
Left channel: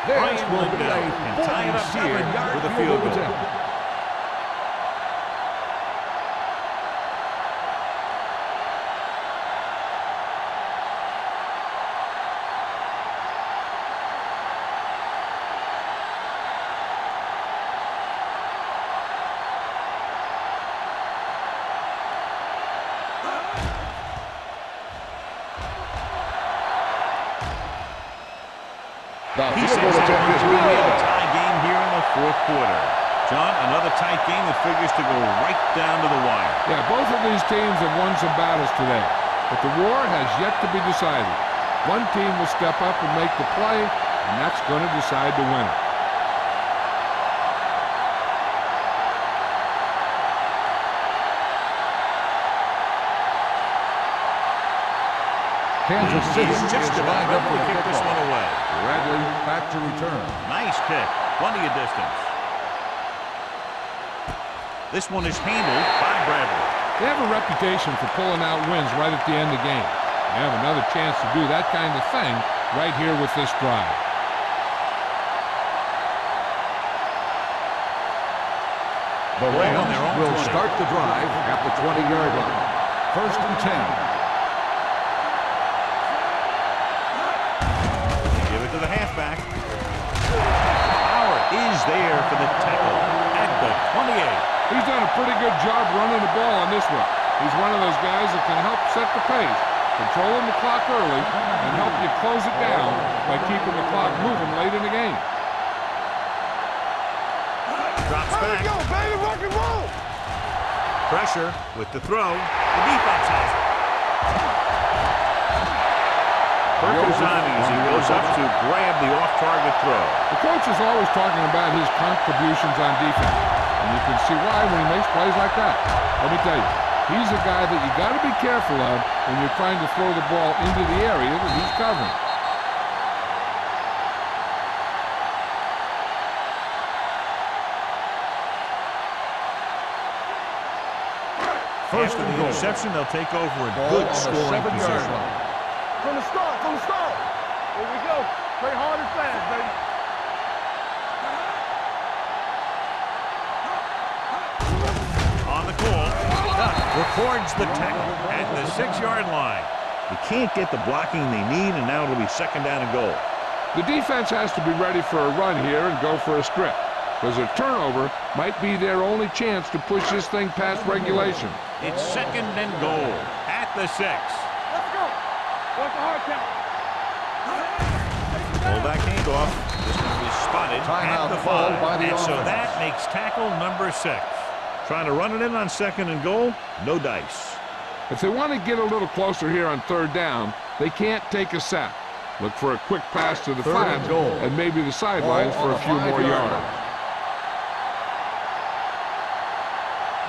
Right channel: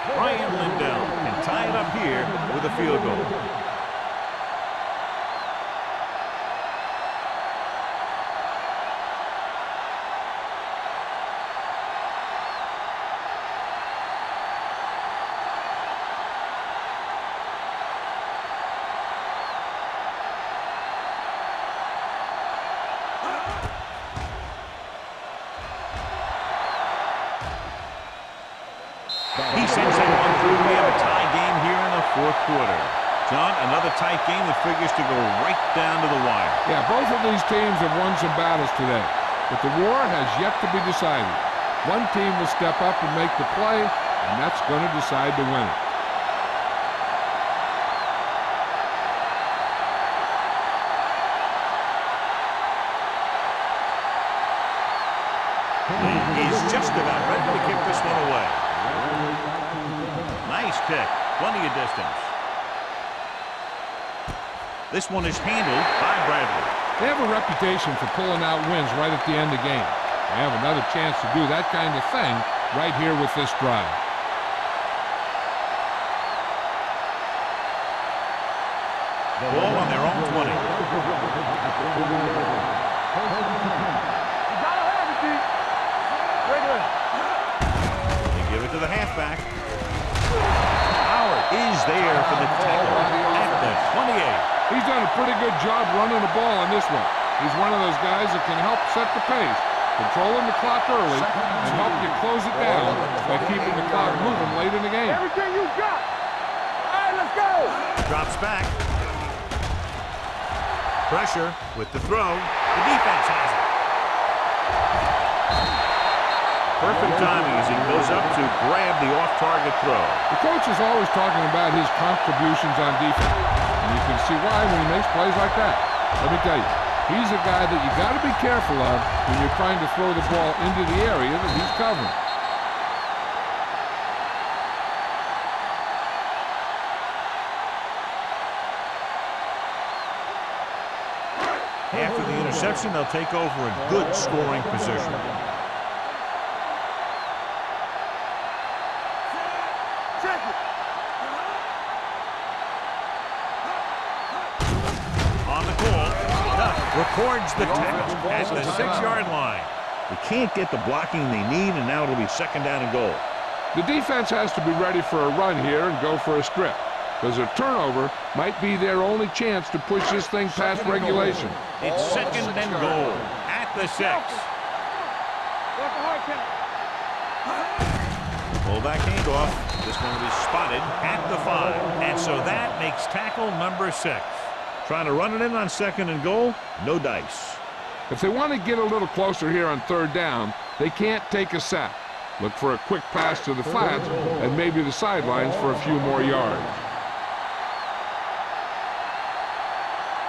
Brian Lindell can tie it up here with a field goal. He sends that one through. We have a tie game here in the 4th quarter. John, another tight game that figures to go right down to the wire. Yeah, both of these teams have won some battles today, but the war has yet to be decided. One team will step up and make the play, and that's going to decide the winner. He's just about ready to kick this one away. Bradley back to return. Nice kick. Plenty of distance. This one is handled by Bradley. They have a reputation for pulling out wins right at the end of games. They have another chance to do that kind of thing right here with this drive. The Ball on their own will 20. start the drive at the 20-yard line. 1st and 10. They give it to the halfback. Howard is there for the tackle at the 28. He's done a pretty good job running the ball on this one. He's one of those guys that can help set the pace, controlling the clock early, and help you close it down by keeping the clock moving late in the game. Everything you got. All right, let's go. Drops back. Go, baby, rock and roll. Pressure with the throw. The defense has it. Perfect timing as he goes up to grab the off-target throw. The coach is always talking about his contributions on defense, and you can see why when he makes plays like that. Let me tell you, he's a guy that you got to be careful of when you're trying to throw the ball into the area that he's covering. After the interception, they'll take over a good scoring position. From the start, from the start. Here we go. Play hard and fast, baby. Check it. On the call, Duck records the tackle at the 6-yard line. They can't get the blocking they need, and now it'll be 2nd down and goal. The defense has to be ready for a run here and go for a strip, because a turnover might be their only chance to push this thing past regulation. It's 2nd and goal at the 6. Let's go. What's the hard count? Fullback handoff. This one will be spotted at the 5. And so that makes tackle number 6. Trying to run it in on 2nd and goal. No dice. If they want to get a little closer here on 3rd down, they can't take a sack. Look for a quick pass to the flats and maybe the sidelines for a few more yards.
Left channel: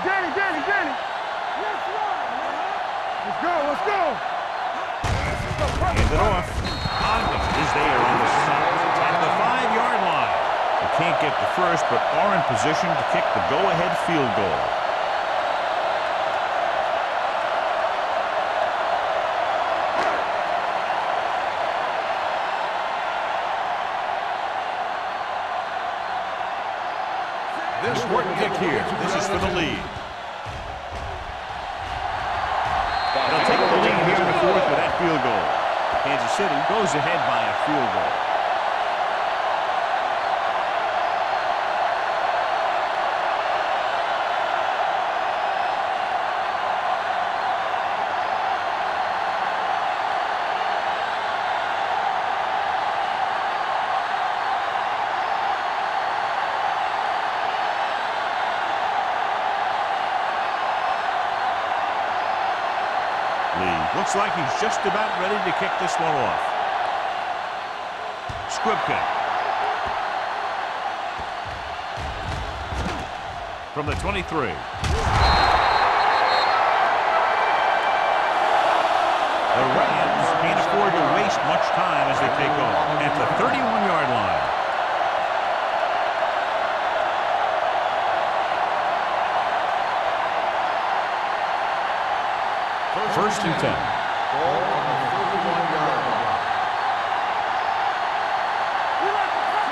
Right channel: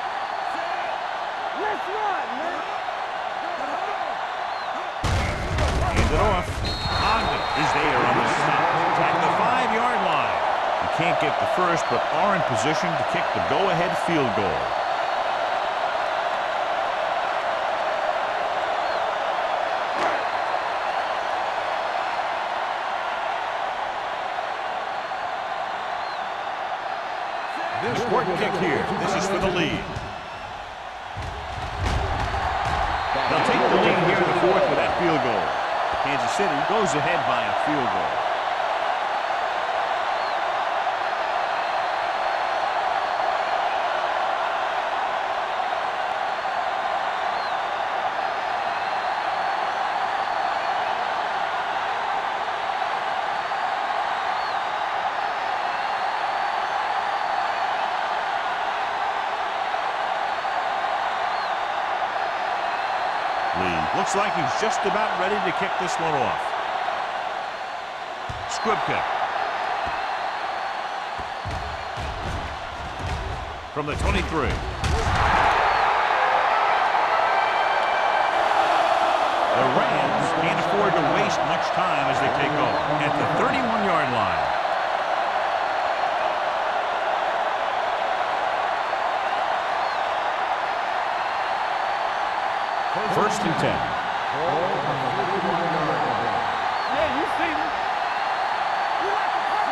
Danny. Let's run, man. Let's go. Hand it off. Ogden is there on the stop at the 5-yard line. They can't get the first, but are in position to kick the go-ahead field goal. Important kick here. This is for the lead. They'll take the lead here in the 4th with that field goal. Kansas City goes ahead by a field goal. Looks like he's just about ready to kick this one off. Squib kick. From the 23. The Rams can't afford to waste much time as they take over at the 31-yard line. First and 10. Ball on the 31-yard line.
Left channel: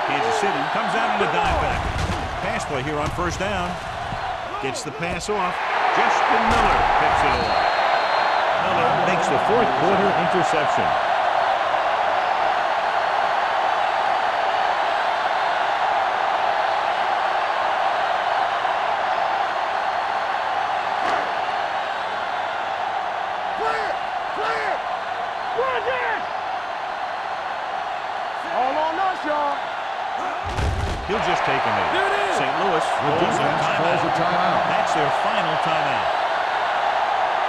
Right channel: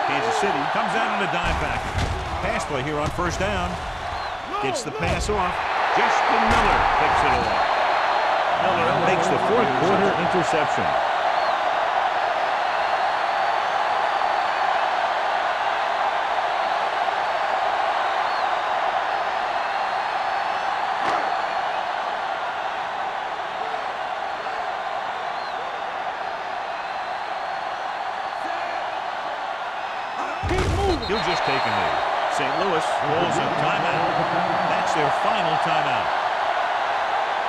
Kansas City comes out in a dime package. Pass play here on 1st down. Gets the pass off. Justin Miller picks it off. Miller makes the 4th quarter interception. He'll just take a knee. St. Louis calls a timeout. That's their final timeout.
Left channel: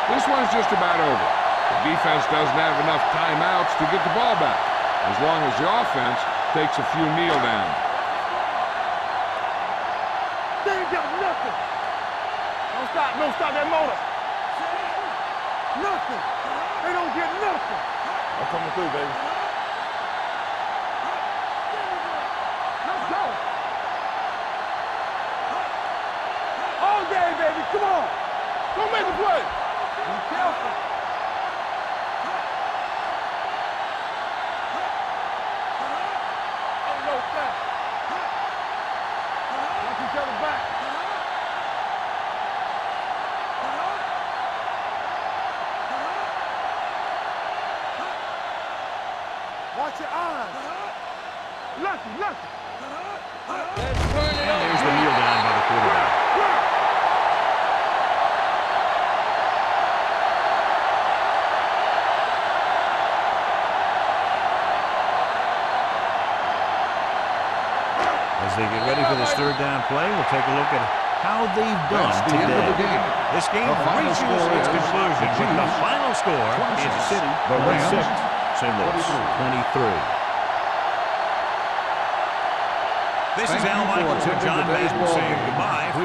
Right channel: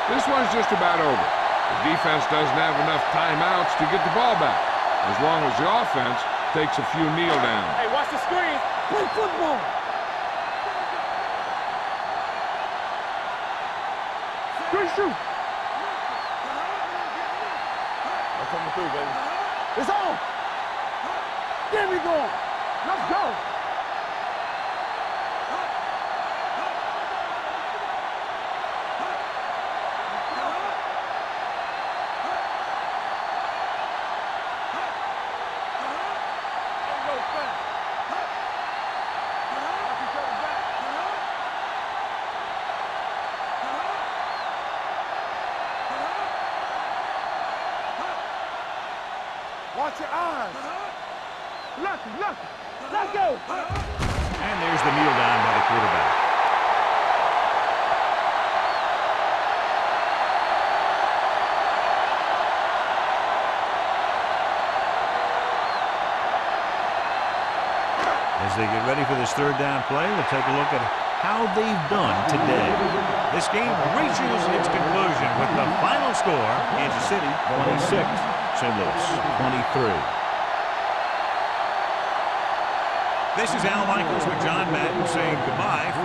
This one's just about over. The defense doesn't have enough timeouts to get the ball back, as long as the offense takes a few kneel downs. Hey, watch the screen. Play football. They ain't got nothing. Don't stop that motor. Quick shoot. Nothing. They don't get nothing. I'm coming through, baby. It's on. There we go. Let's go. All day, baby. Come on. Go make a play. Be careful. Ain't no fast. Watch each other back. Watch your eyes. Lucky. Let's go. And there's the kneel down by the quarterback. As they get ready for this 3rd down play, we'll take a look at how they've done today. This game reaches its conclusion with the final score, Kansas City 26, St. Louis 23. This is Al Michaels with John Madden saying goodbye for